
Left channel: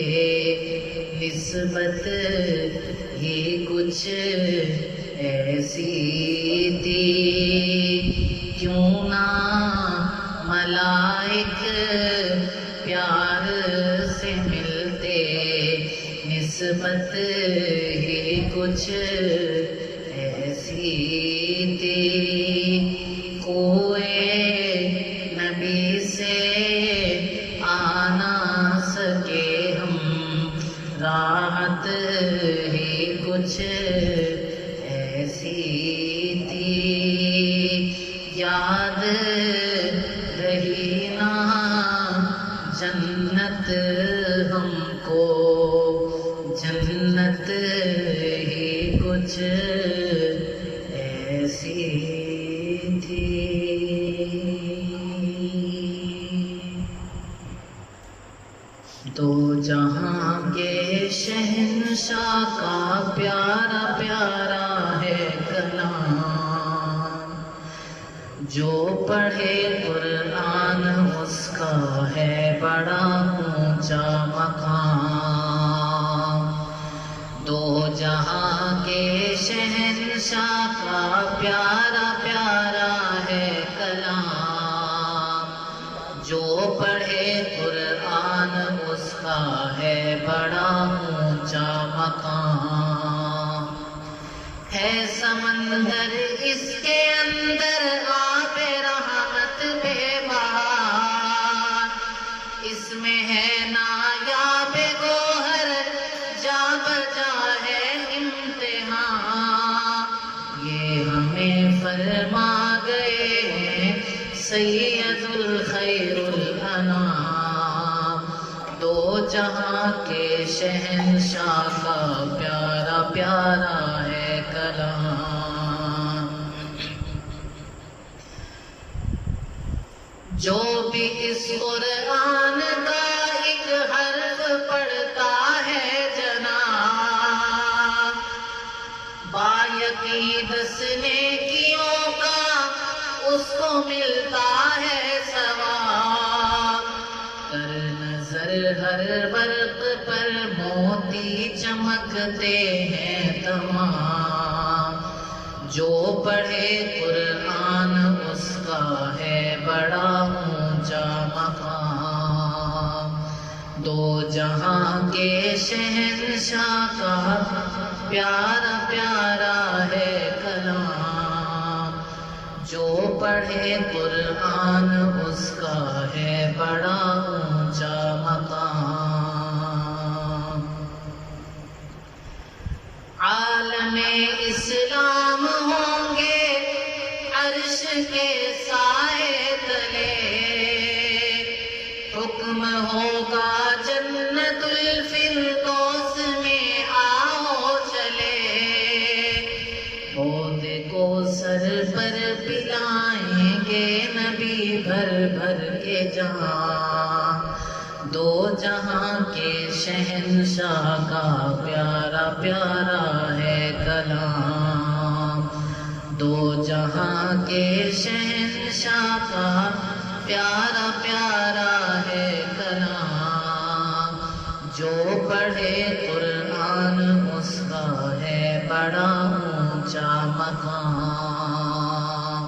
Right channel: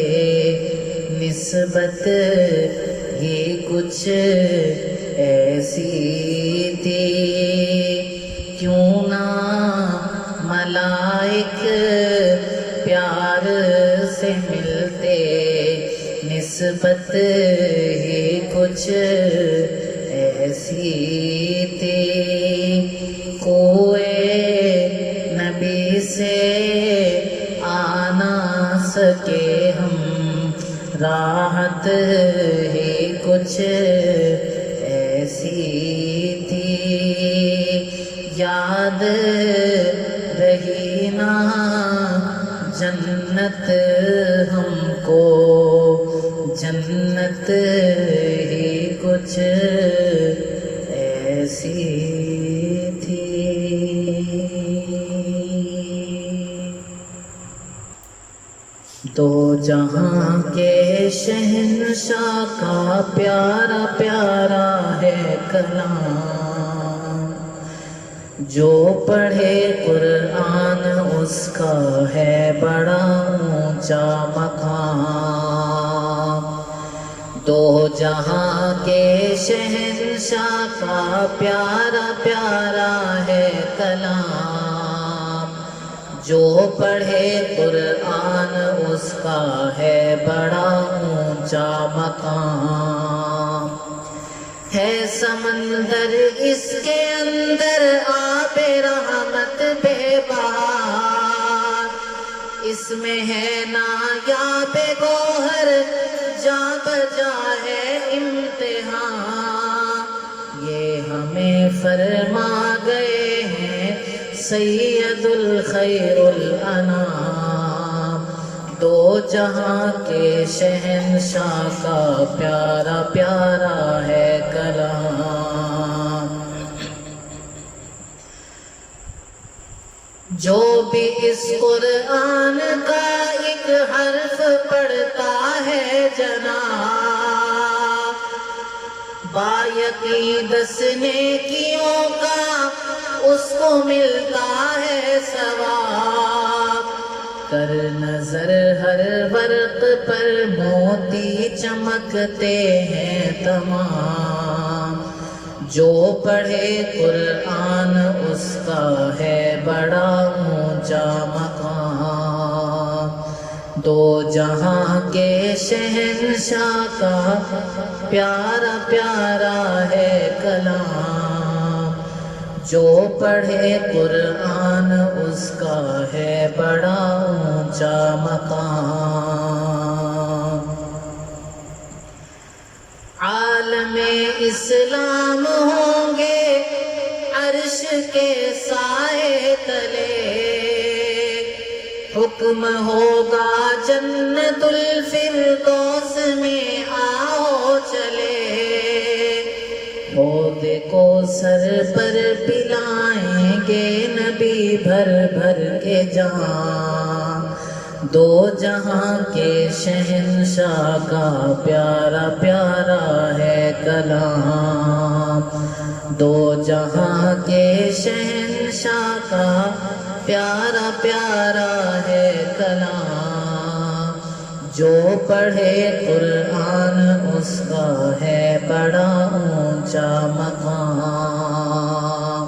نسبت ہی کچھ ایسی تھی۔ کیوں نہ ملائک پیار سے ملتے، نسبت ہی کچھ ایسی تھی۔ کوئی نبی سے آ نہ سکے ہم، راحت ہی کچھ ایسی تھی۔ یاد رہی نا جنت ہم کو، جنت ہی کچھ ایسی تھی. دو جہاں کے شہنشاہ کا پیارا پیارا ہے کلام، جو پڑھے قرآن اس کا ہے بڑا اونچا مقام. دو جہاں کے شہنشاہ کا پیارا پیارا ہے کلام، جو پڑھے قرآن اس کا ہے بڑا اونچا مقام. ہے سمندر اس کے اندر آب رحمت بے بہار، اس میں ہے نایاب گوہر جا بجا ہے امتحان. یہ ہمیں فرما گئے ہیں سید الخیر الانام، دو جہاں کے شہنشاہ کا پیارا پیارا ہے کلام. جو بھی اس قرآن کا ایک حرف پڑھتا ہے جناب، بایقین 10 نیکیوں کا اس کو ملتا ہے ثواب. کر نظر ہر ورق پر موتی چمکتے ہیں تمام، جو پڑھے قرآن اس کا ہے بڑا اونچا مقام. دو جہاں کے شہنشاہ کا پیارا پیارا ہے کلام، جو پڑھے قرآن اس کا ہے بڑا اونچا مقام. عالم اسلام ہوں گے عرش کے سائے تلے، حکم ہوگا جنت الفردوس میں آؤ چلے. حوض کو سر پر پلائیں گے نبی بھر بھر کے جام، دو جہاں کے شہنشاہ کا پیارا پیارا ہے کلام. دو جہاں کے شہنشاہ کا پیارا پیارا ہے کلام، جو پڑھے قرآن اس کا ہے بڑا اونچا مقام.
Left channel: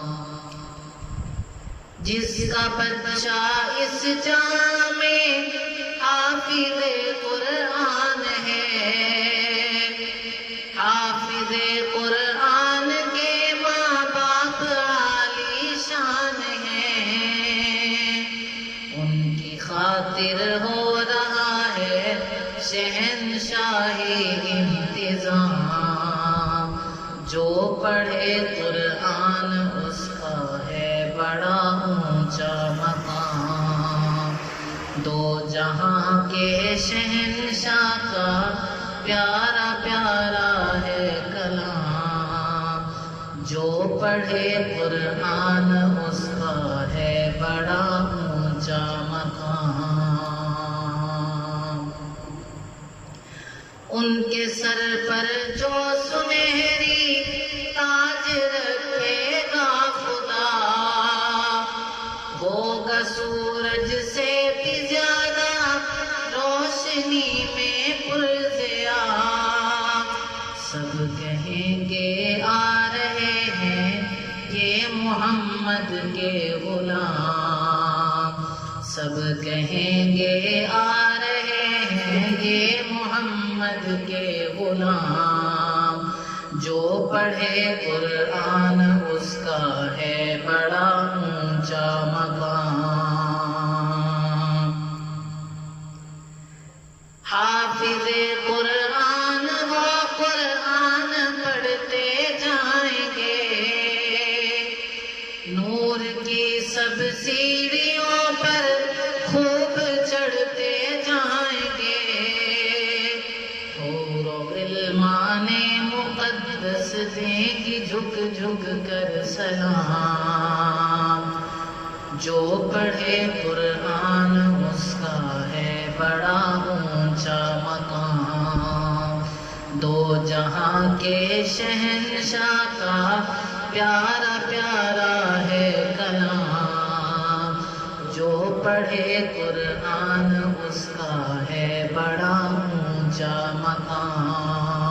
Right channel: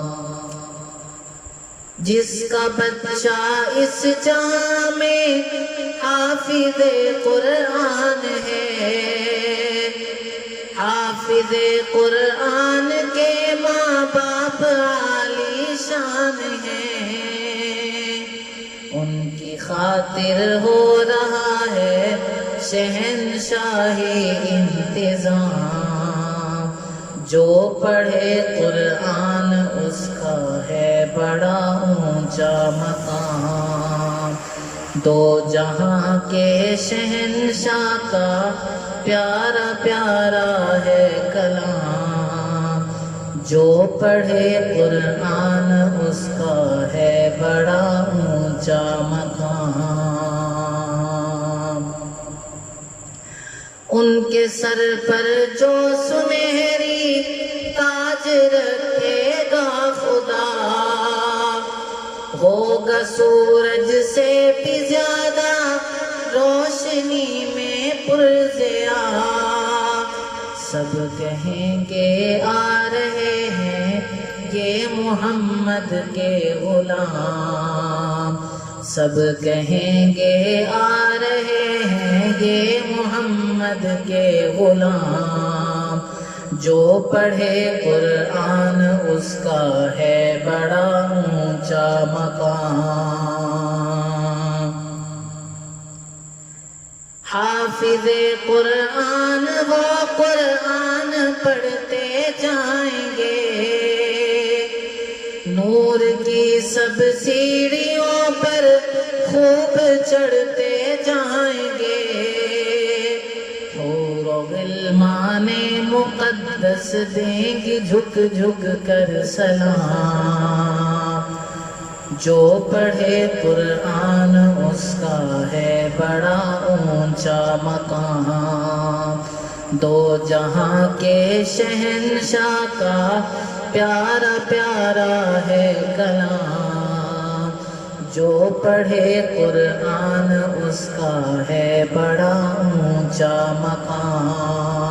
جس کا بچہ اس جہاں میں حافظ قرآن ہے، حافظ قرآن کے ماں باپ عالی شان ہیں. ان کی خاطر ہو رہا ہے شہنشاہی انتظام، جو پڑھے قرآن اس کا ہے بڑا اونچا مقام. دو جہاں کے شہنشاہ کا پیارا پیارا ہے کلام، جو پڑھے قرآن اس کا ہے بڑا اونچا مقام. ان کے سر پر جو سنہری تاج رکھے گا خدا، ہوگا سورج سے بھی زیادہ روشنی میں پرضیا. سب کہیں گے آ رہے ہیں یہ محمد کے غلام، سب کہیں گے آ رہے ہیں یہ محمد کے غلام، جو پڑھے قرآن اس کا ہے بڑا اونچا مقام. حافظ قرآن وہ قرآن پڑھتے جائیں گے، نور کی سب سیڑھیوں پر خوب چڑھتے جائیں گے. حور و غلمان مقدس دیں گی جھک جھک کر سلام، جو پڑھے قرآن اس کا ہے بڑا اونچا مقام، دو جہاں کے شہنشاہ کا پیارا پیارا ہے کلام، جو پڑھے قرآن اس کا ہے بڑا اونچا مقام۔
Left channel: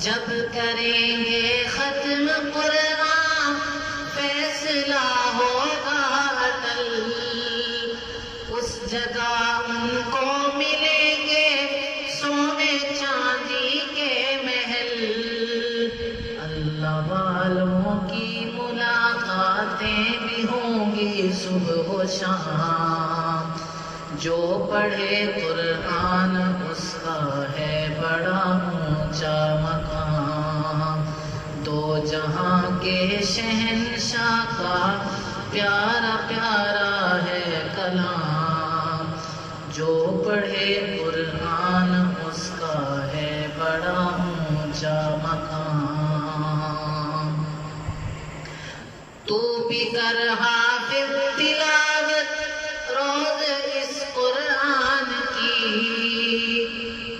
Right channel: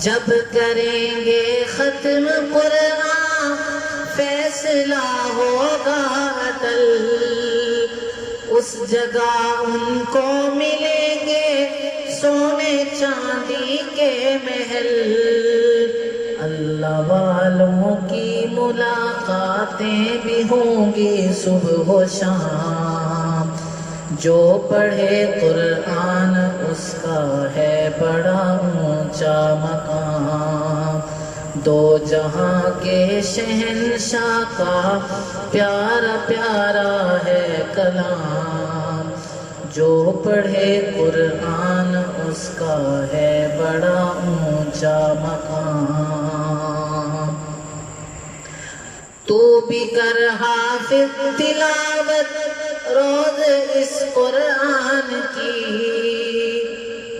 جب کریں گے ختم قرآن فیصلہ ہوگا اٹل، اس جگہ ان کو ملیں گے سونے چاندی کے محل، اللہ والوں کی ملاقاتیں بھی ہوں گی صبح و شام، جو پڑھے قرآن اس کا ہے بڑا اونچا مقام، دو جہاں کے شہنشاہ کا پیارا پیارا ہے کلام، جو پڑھے قرآن اس کا ہے بڑا اونچا مقام۔ تو بھی کر حافظ تلاوت روز اس قرآن کی،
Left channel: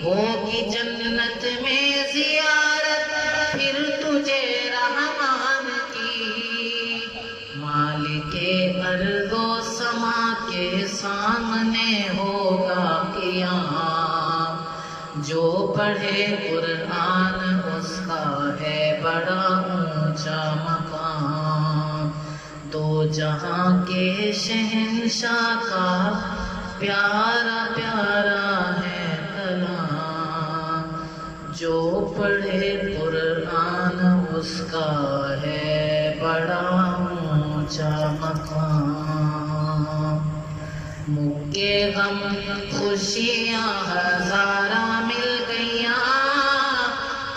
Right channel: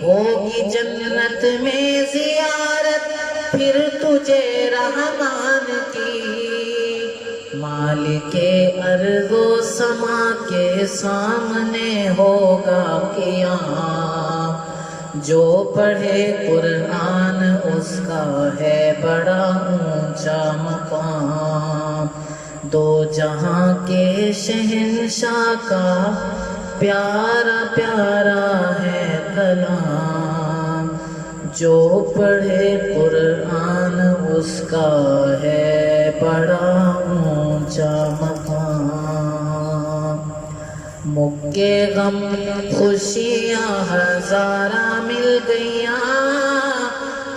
ہوگی جنت میں زیارت پھر تجھے رحمان کی، مالک ارض و سما کے سامنے ہوگا قیام، جو پڑھے قرآن اس کا ہے بڑا اونچا مقام، دو جہاں کے شہنشاہ کا پیارا پیارا ہے کلام، جو پڑھے قرآن اس کا ہے بڑا اونچا مقام۔ مکے غم خوشیاں ہزارہ مل گئیاں،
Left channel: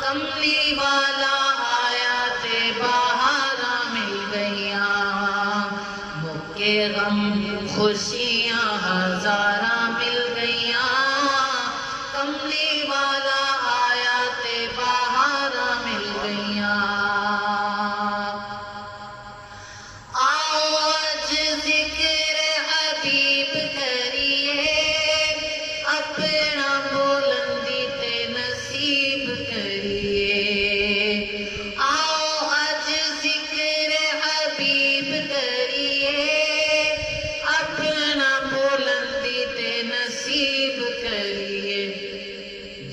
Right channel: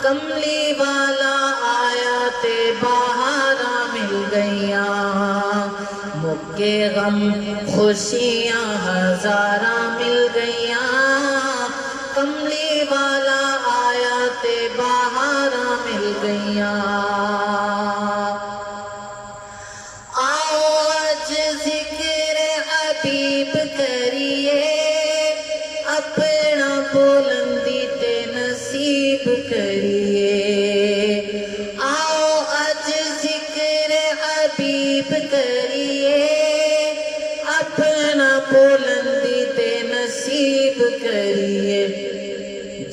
کملی والا آیات بہارا مل گئیاں، مکے غم خوشیاں ہزارہ مل گئیاں، کملی والا آیات بہارا مل گئیاں، آؤ آج ذکر حبیب کریے، اپنا بلندی تے نصیب کریے، آؤ آج ذکر حبیب کریے، اپنا بلندی تے نصیب کریے،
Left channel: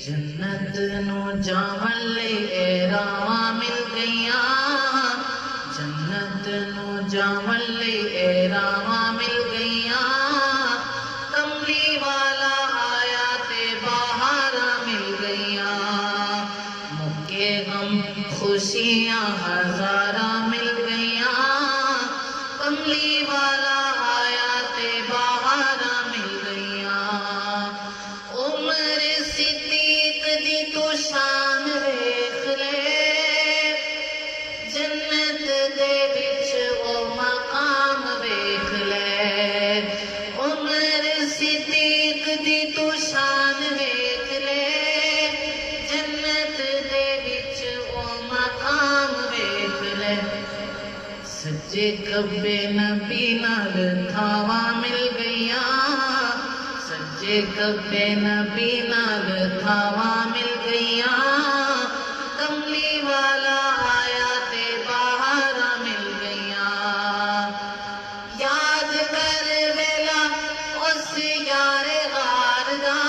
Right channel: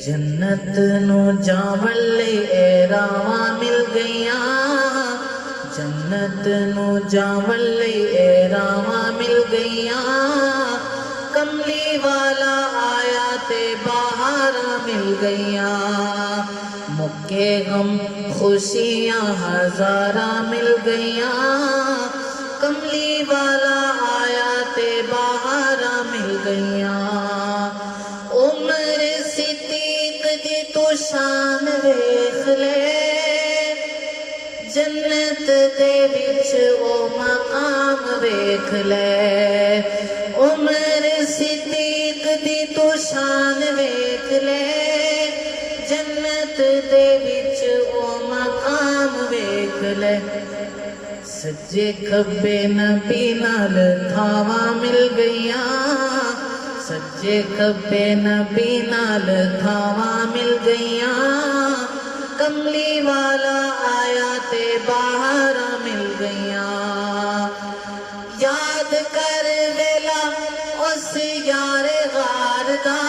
جنت نو جاون لئی اے راواں مل گئیاں، جنت نو جاون لئی اے راواں مل گئیاں، کملی والا آیات بہارا مل گئیاں، مکے غم خوشیاں ہزارہ مل گئیاں، کملی والا آیات بہارا مل گئیاں، عمر صدیق دی تو شان ویکھ لے، جنت دے وچ او مقام ویکھ لے، عمر صدیق دی تو شان ویکھ لے، جنت دے وچ او مقام ویکھ لے، سجے کھبے نبی نال تھاواں مل گئیاں، سجے کھبے نبی نال تھاواں مل گئیاں، کملی والا آیات بہارا مل گئیاں، یاد کر ویلا اس یار غار دا،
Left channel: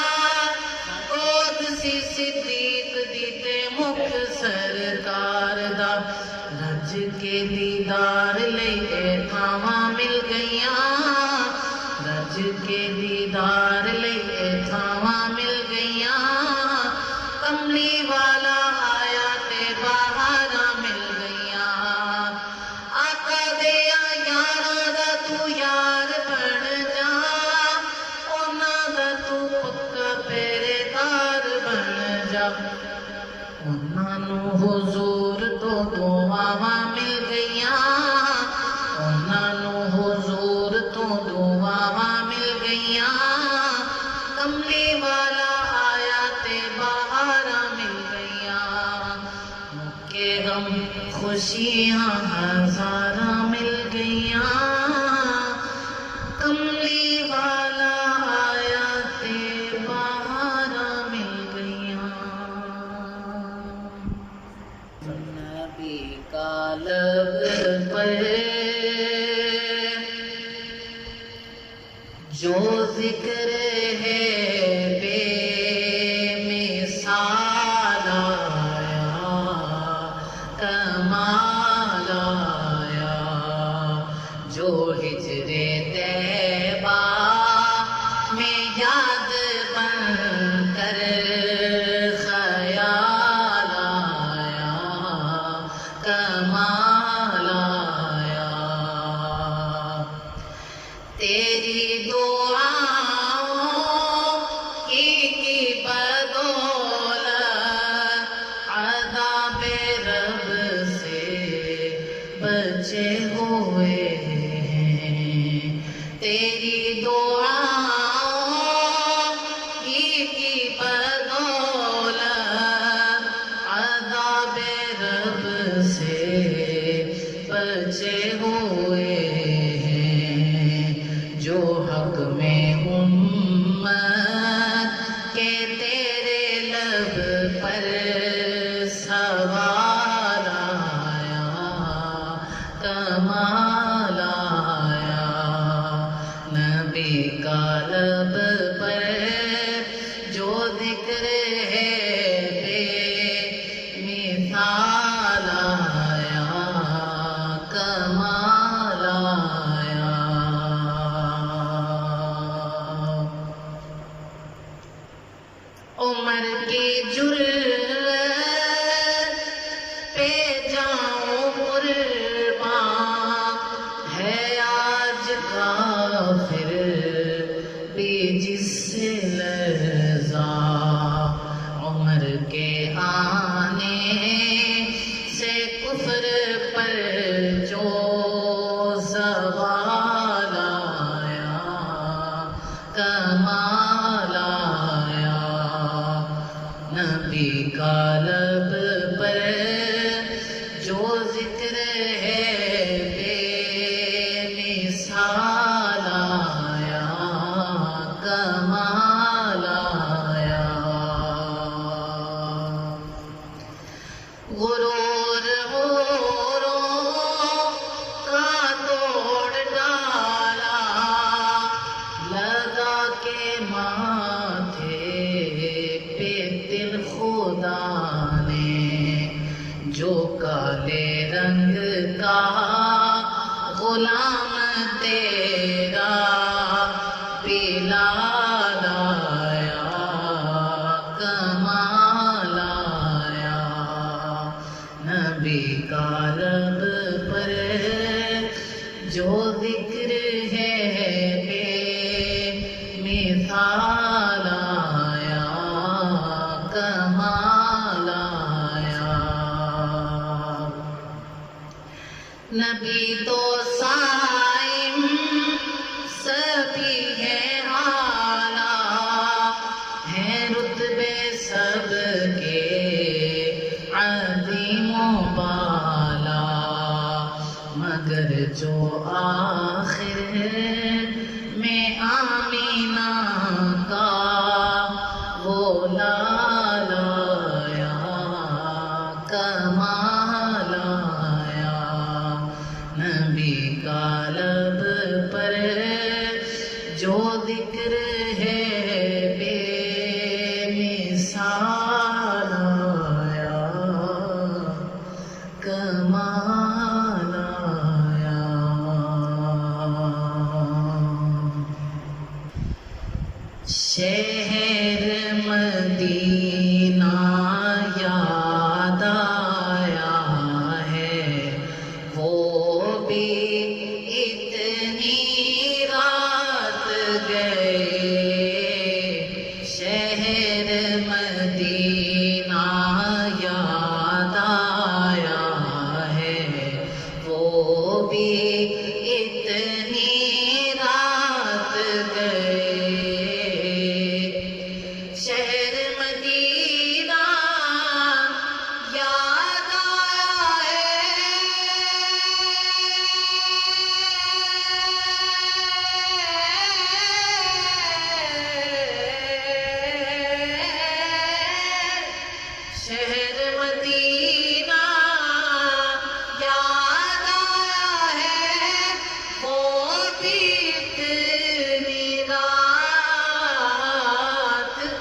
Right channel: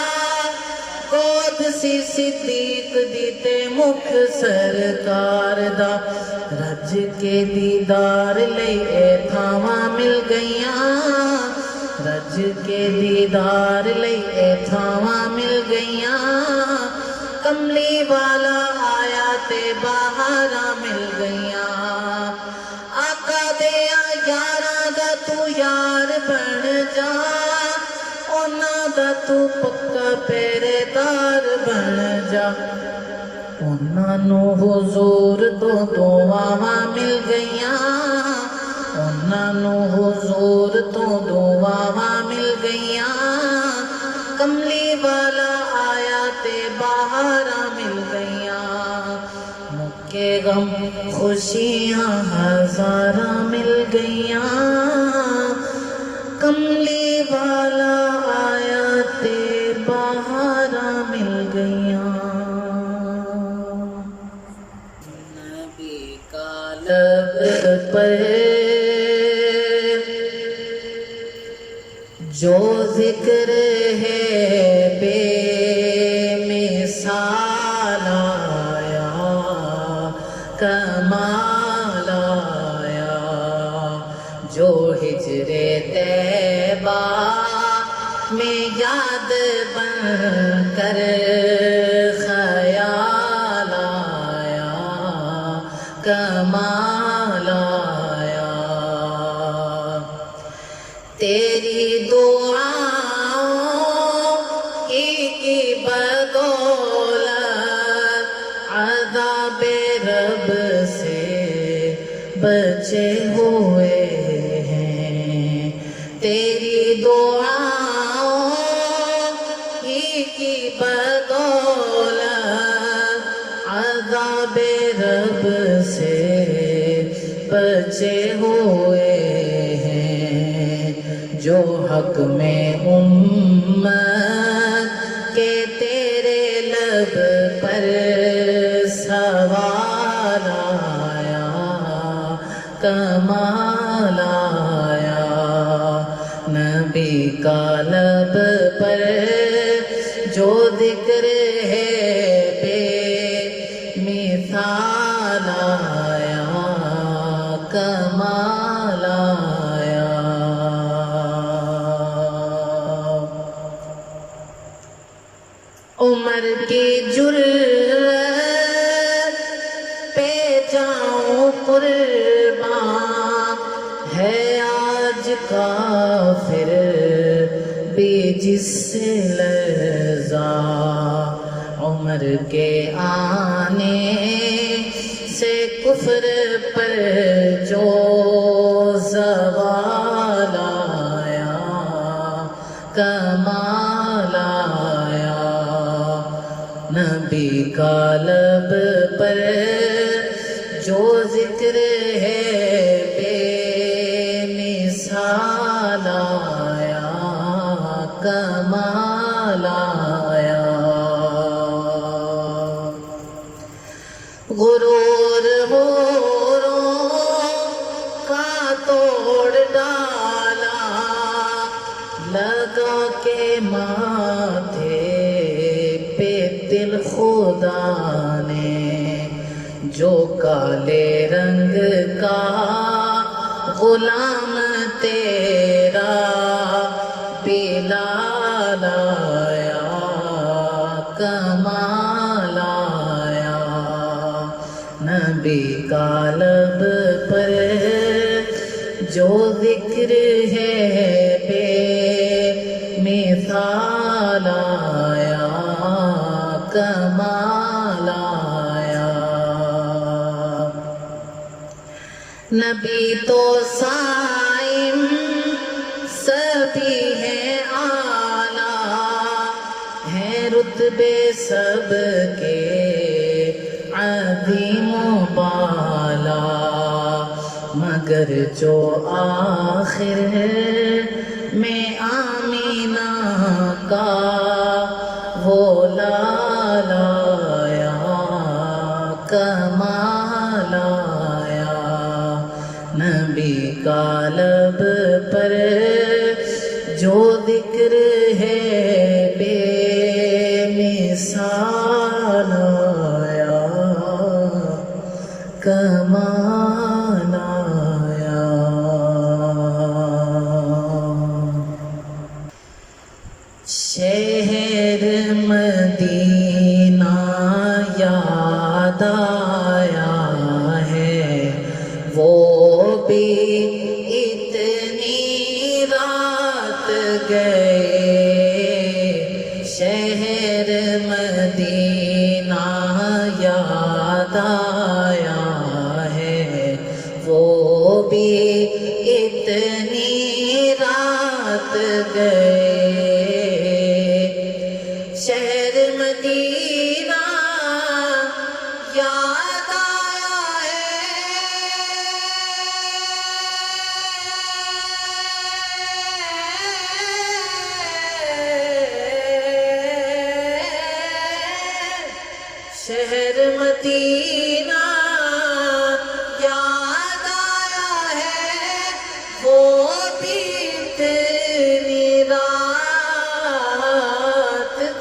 گود سی صدیق دی تے مکھ سرکار دا، رج کے دیدار لئی اے تھاواں مل گئیاں، رج کے دیدار لئی اے تھاواں مل گئیاں، کملی والا آیات بہارا مل گئیاں، آقا دیا یاراں دا تو یار بن جا، انہاں دا تو پکا پہرے دار بن جا، انہاں نو حضور تو دعاواں مل گئیاں، انہاں نو حضور تو دعاواں مل گئیاں، کملی والا آیات بہارا غم خوشیاں ہزاراں مل گئیاں، کملی والا آیا تے بہاراں مل گئیاں، نبی کا لب پر جو ذکر ہے بے مثال آیا، کمال آیا، جو ہجر طیبہ میں یاد بن کر خیال آیا، کمال آیا، تیری دعاؤں کی بدولت عذاب رب سے بچے ہوئے ہیں، تیری دعاؤں کی بدولت عذاب رب سے بچے ہوئے ہیں، جو حق میں امت کے تیرے لب پر سوال آیا، کمال آیا، نبی کا لب پر جو ذکر ہے بے مثال آیا، کمال آیا، عمر کی جرأت پہ جاؤں قربان، ہے آج کافر بھی جس سے لرزا، عمر کے آنے سے کفر پر جو زوال آیا، کمال آیا، نبی کا لب پر جو ذکر ہے بے مثال آیا، کمال آیا، غرور غروروں کا توڑ ڈالا، لگا کے ماتھے پہ دل خدا نے، جو کالے رنگ کا غلام تیرا بلال آیا، کمال آیا، نبی کا لب پر جو ذکر ہے بے مثال آیا، کمال آیا، نبی تو صائم سبھی ہے اعلیٰ، ہیں رتبے سب کے عظیم و بالا، مگر جو آخر میں آمینہ کا وہ لال آیا، کمال آیا، نبی کا لب پر جو ذکر ہے بے مثال آیا، کمال آیا، شہر مدینہ یاد آیا ہے، وہ بھی اتنی رات گئے، شہر مدینہ یاد آیا ہے، وہ بھی اتنی رات گئے، شہر مدینہ شہر مدینہ یاد آیا ہے، وہ بھی اتنی رات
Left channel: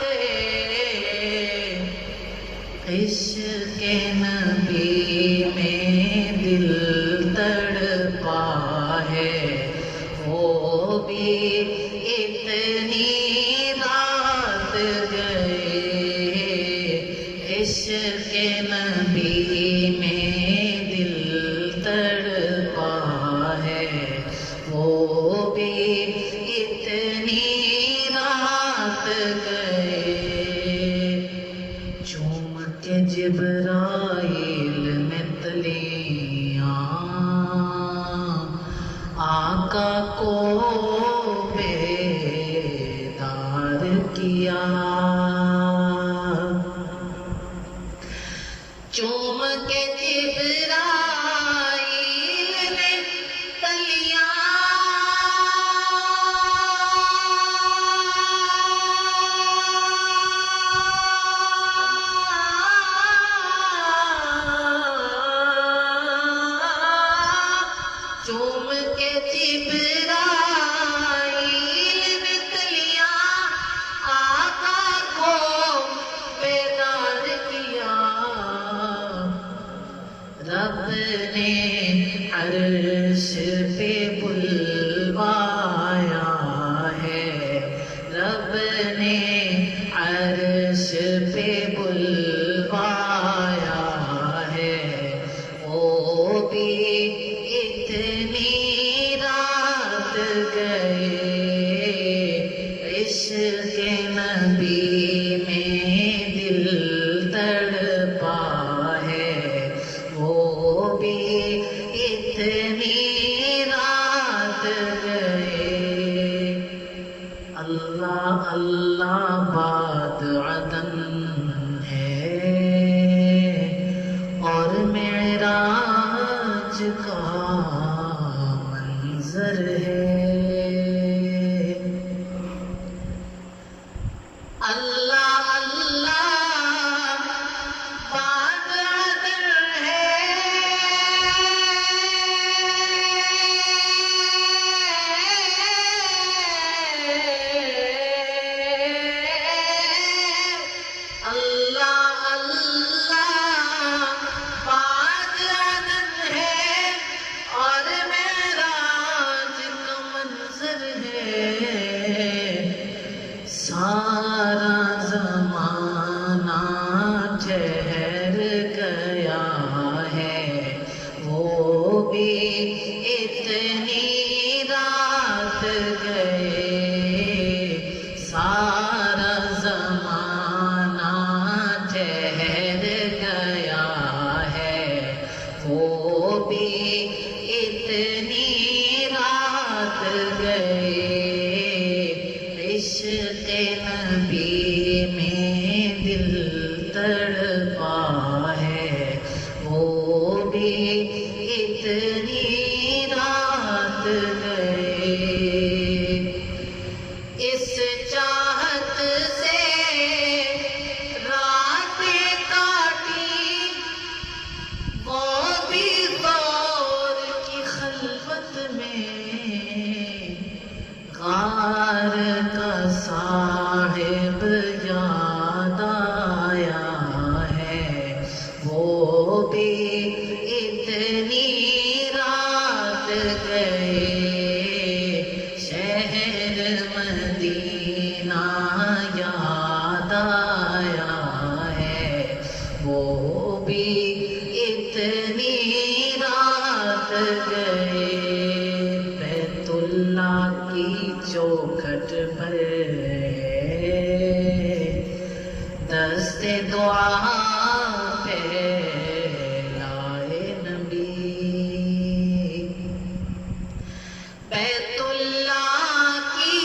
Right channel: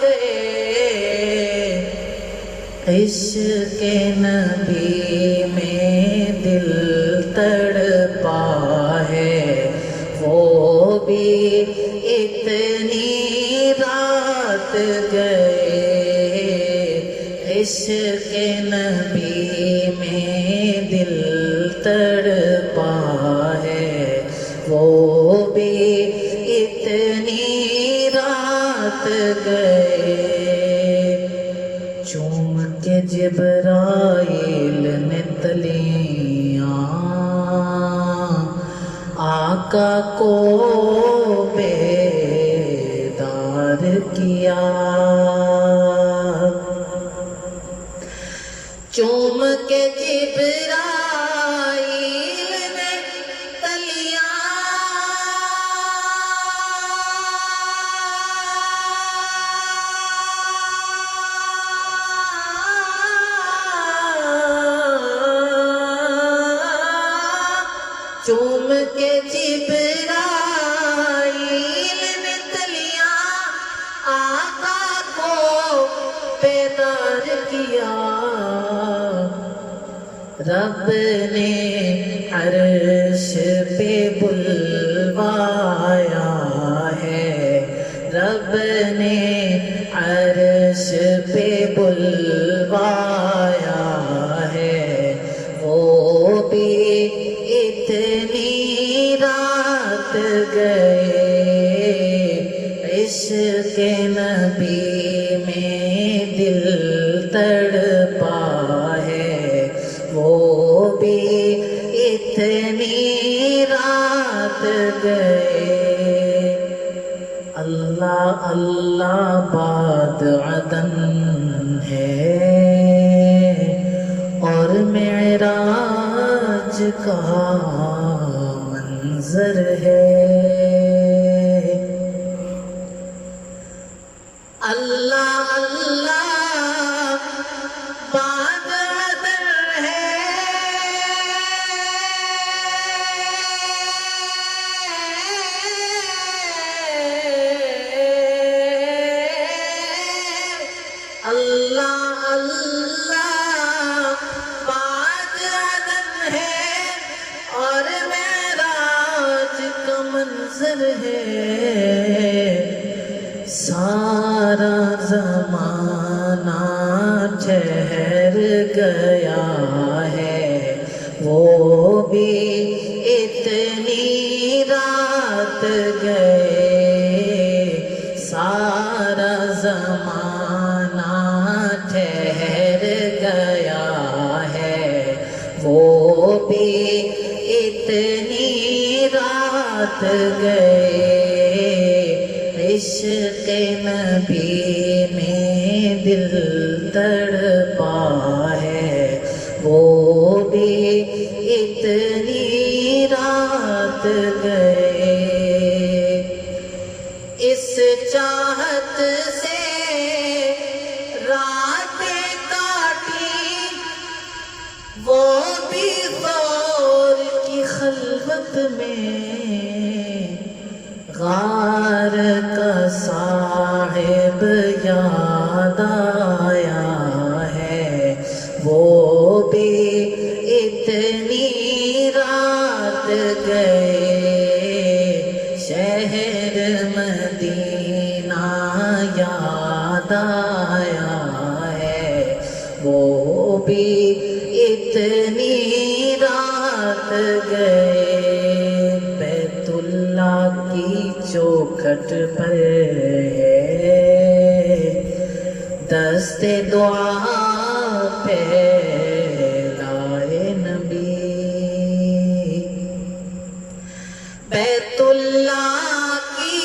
گئے، عشق نبی میں دل تڑپا ہے، وہ بھی اتنی رات گئے، عشق نبی میں دل تڑپا ہے، وہ بھی اتنی رات گئے، چوم کے جبرائیل نے تلیاں آقا کو بیدار کیا، چوم کے جبرائیل نے تلیاں چوم کے جبرائیل نے تلیاں آقا کو بیدار کیا، رب نے عرش پہ بلوایا ہے، رب نے عرش پہ بلوایا ہے، وہ بھی اتنی رات گئے، عشق نبی میں دل تڑپا ہے، وہ بھی اتنی رات گئے، اللہ اللہ باد عدن ہے اور معراج کا منظر ہے، اللہ اللہ باد عدن ہے اللہ اللہ باد عدن ہے اور معراج کا منظر ہے، سارا زمانہ ٹھہر گیا ہے، وہ بھی اتنی رات گئے، سارا زمانہ ٹھہر گیا ہے، وہ بھی اتنی رات گئے، عشق نبی میں دل تڑپا ہے، وہ بھی اتنی رات گئے، اس چاہت سے راتیں کاٹی، وہ بھی دور کی خلوت میں، غار کا صاحب یاد آیا ہے، وہ بھی اتنی رات گئے، شہر مدینہ یاد آیا ہے، وہ بھی اتنی رات گئے، بیت اللہ کی چوکھٹ پر ہے دست دعا پھیلائے نبی، بیت اللہ کی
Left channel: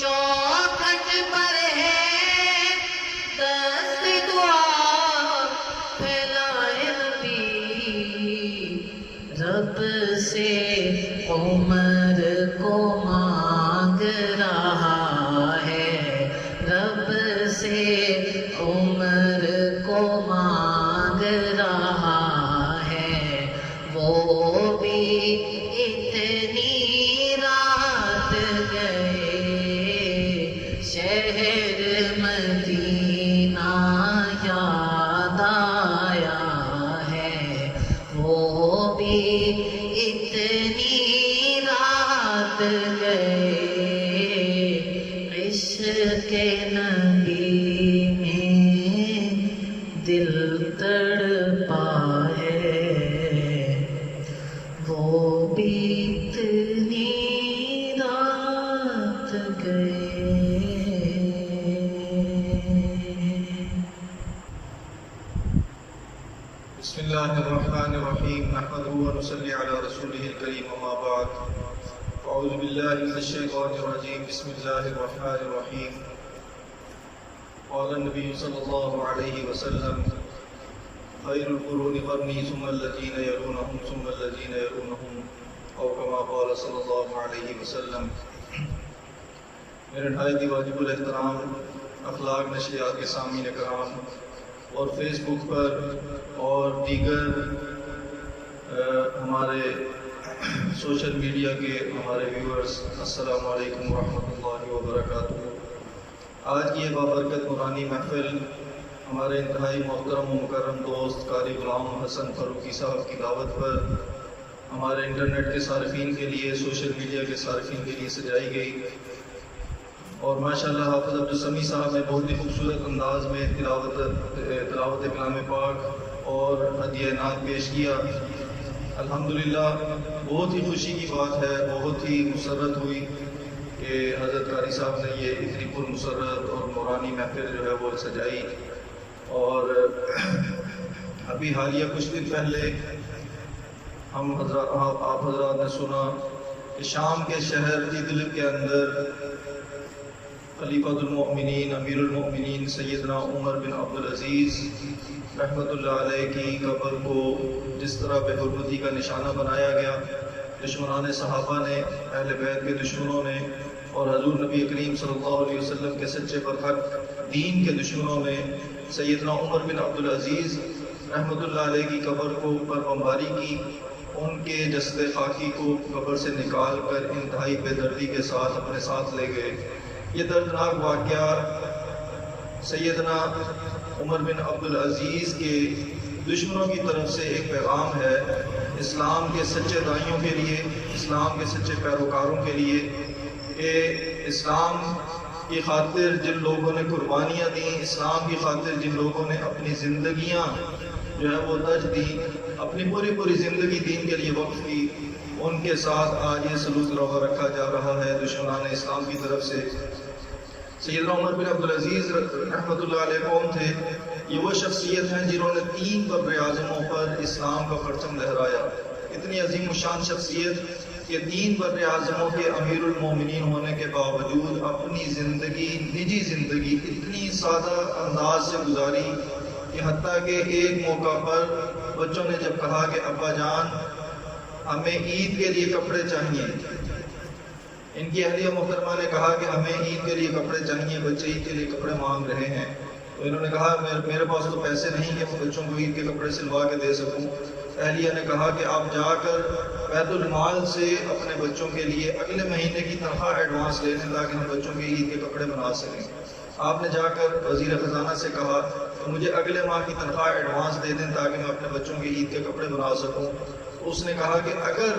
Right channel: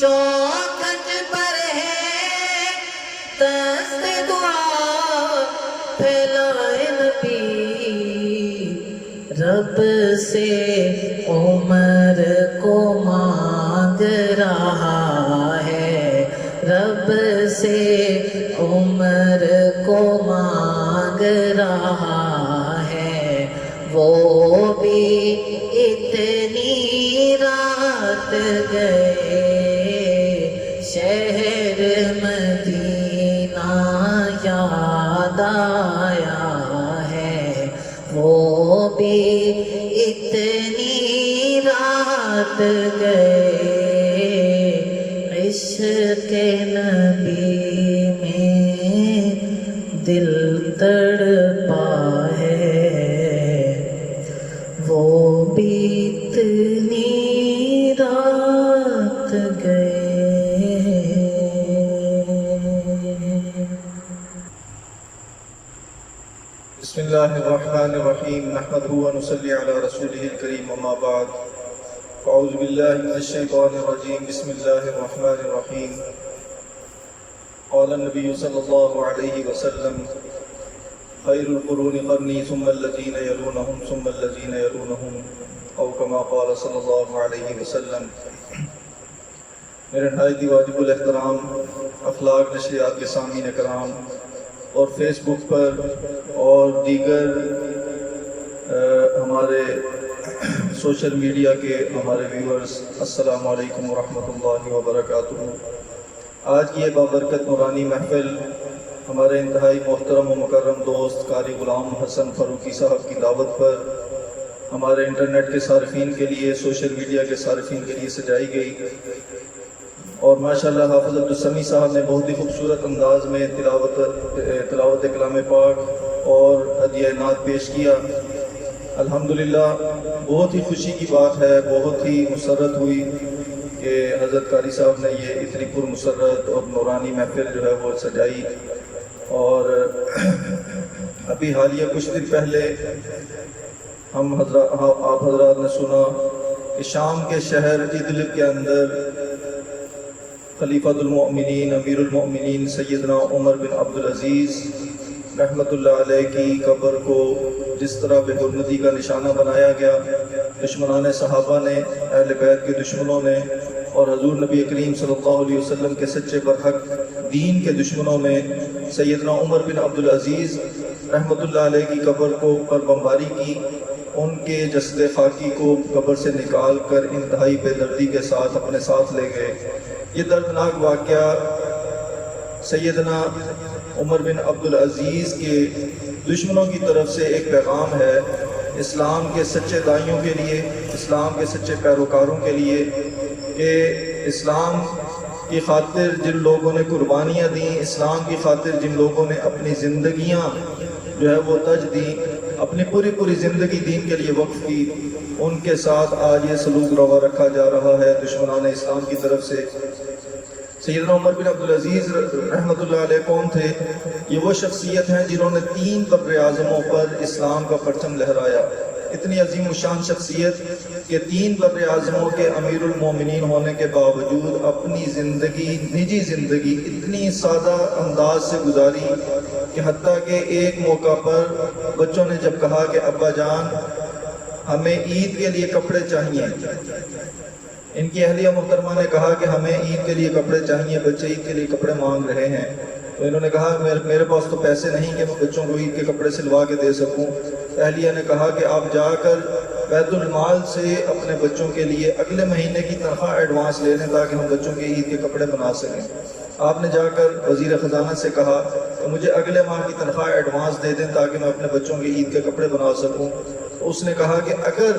چوکھٹ پر ہے دست دعا پھیلائے نبی، رب سے عمر کو مانگ رہا ہے، رب سے عمر الله الرحمن الرحيم نحمده ونصلي على رسوله الكريم وما بعد أعوذ بالله من الشيطان الرجيم بسم الله الرحمن الرحيم قال النبي صلى الله عليه وسلم خير القرون قرني ثم الذين يلونهم ثم الذين يلونهم أو كما قال صلى الله عليه وسلم. میرے نہایت واجب الاحترام اخلاق نشریات کے سامعین کرام اور فیس بک پر اور دیگر ہمارے سوشل میڈیا کے ہمارے ویورز، السلام علیکم ورحمۃ اللہ وبرکاتہ. آج کی یہ بابرکت نورانی محفل ہمارے انتہائی محترم و مکرم دوست قاری غلام حسن فاروقی صاحب کی دعوت پر ہمارے انٹرنیٹ کے صارفین کے لیے، سوشل میڈیا کے صارفین کے لیے سجائی گئی، اور ماشاءاللہ حافظ عبدالسمیع صاحب نے بہت ہی خوبصورت انداز میں تلاوت کلام پاک اور ہدیہ نعت پیش کیا. الحمدللہ بہت ہی خوشی کی بات ہے، بہت ہی مسرت ہوئی کہ حضرت قاری صاحب نے یہ اتنی پر مسرت اور نورانی محفل جو ہے وہ سجائی. اور ابھی حالیہ کچھ دن پہلے آپ حضرات نے سنا کہ شام کے شہر ادلب کے اندر خلیفۃ المؤمنین امیر المؤمنین سیدنا عمر بن عبدالعزیز رحمۃ اللہ علیہ کی قبر کو جس طرح بے حرمتی کا نشانہ بنایا گیا، دشمنان صحابہ نے، اہل بیت کے دشمنوں نے اور حضور نبی کریم صلی اللہ علیہ وسلم کے سچے برحق دین کے دشمنوں نے سیدنا عمر بن عبدالعزیز رحمۃ اللہ علیہ کی قبر کو پر بمباری کی. ان کے جسد خاکی کو قبر سے نکال کر انتہائی بے دردی کے ساتھ اپنے ساتھ لے گئے. یہ دردناک واقعہ سیدنا عمر بن عبدالعزیز کے دشمنوں کی طرف سے ایک پیغام ہے اسلام کے سچے دائیوں کے لیے، اسلام کے سچے پیروکاروں کے لیے، کہ اسلام کی خاطر جن لوگوں نے قربانیاں دیں، اسلام کی خاطر جن لوگوں نے اپنی زندگیاں جو ہے وہ تج دیں، اپنی پوری زندگی دین کے لیے وقف کی، ان کے ساتھ آج یہ سلوک روا رکھا جا رہا ہے دشمنان اسلام کی طرف سے. سیدنا عمر بن عبدالعزیز رحمۃ اللہ علیہ کون تھے؟ یہ وہ شخصیت ہیں جنہوں نے 3 بر اعظموں پر اسلام کا پرچم لہرایا. اتنی عظیم الشان شخصیت کہ 3 بر اعظموں کے امیر المومنین ہونے کے باوجود اپنی زندگی، نجی زندگی اتنی سادہ انداز سے گزاری کہ حتیٰ کہ ایک موقع پر بچوں نے جب کہا کہ ابا جان ہمیں عید کے لیے کپڑے چاہیے، ان کی اہلیہ محترمہ نے کہا کہ ہمیں عید کے لیے کپڑے چاہیے، بچے عید کے لیے کپڑے مانگ رہے ہیں. تو انہوں نے کہا میرے پاس تو پیسے نہیں کہ میں بچوں کو عید کے کپڑے سلوا کے دے سکوں. اہلیہ نے کہا کہ آپ جا کر بیت المال سے اپنے بچوں کے لیے اگلے مہینے کی تنخواہ ایڈوانس لے لیں تاکہ ہم بچوں کے عید کے کپڑے بنا سکیں. آپ نے جا کر وزیر خزانہ سے کہا کہ مجھے اگلے ماہ کی تنخواہ ایڈوانس دے دیں تاکہ میں اپنے بچوں کے عید کے کپڑے بنا سکوں. اس نے کہا کہ اگر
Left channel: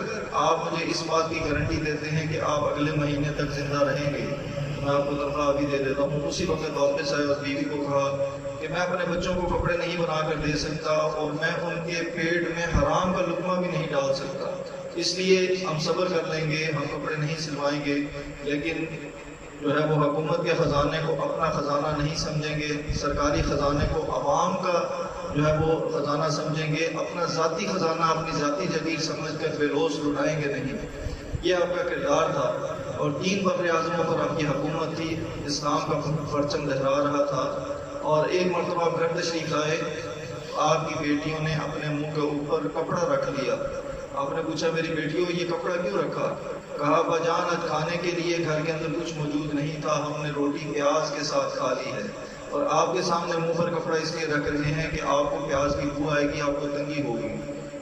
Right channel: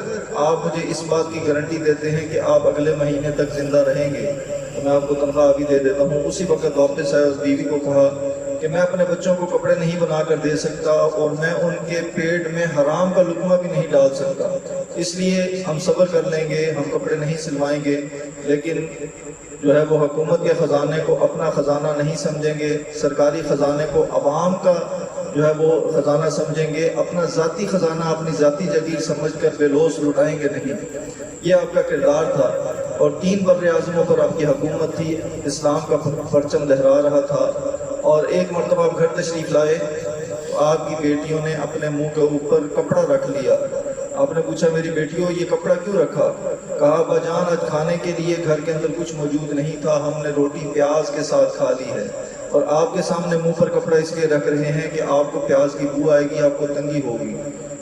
آپ مجھے اس بات کی گارنٹی دیتے ہیں کہ آپ اگلے مہینے تک زندہ رہیں گے تو میں آپ کو تنخواہ ابھی دے دیتا ہوں. اسی وقت واپس آئے اور بیوی کو کہا کہ میں اپنے بچوں کو کپڑے نہیں بنا کر دے سکتا اور میں ان کے پیٹ میں حرام کا لقمہ بھی نہیں ڈال سکتا، اس لیے ہم صبر کر لیں گے، ہم کپڑے نہیں سلوائیں گے. لیکن جو ہے وہ حکومت کے خزانے کو اپنا خزانہ نہیں سمجھیں گے، سرکاری خزانے کو عوام کا جو ہے وہ خزانہ سمجھیں گے، اپنا ذاتی خزانہ اپنی ذاتی جگیر سمجھ کر بے لوث لٹائیں گے نہیں. یہ آپ کا کردار تھا. اور 3 بر اعظموں پر آپ کی حکومت تھی، اسلام کا پرچم لہرا رہا تھا. اور ایک مرتبہ آپ گھر تشریف لائے تو آپ کی بیٹیوں نے اپنے منہ کے اوپر کپڑا رکھ لیا. آپ نے پوچھا میری بیٹیوں یہ کپڑا کیوں رکھا؟ کہا ابا جان آج کھانے کے لیے گھر کے اندر کچھ موجود نہیں تھا، ہم نے روٹی پیاز کے ساتھ کھا لی ہے، اور آپ کے سامنے منہ پر کپڑا اس لیے رکھ رہے ہیں کہ آپ کو پیاز کی بو آئے گی، آپ کو تنگی ہوگی.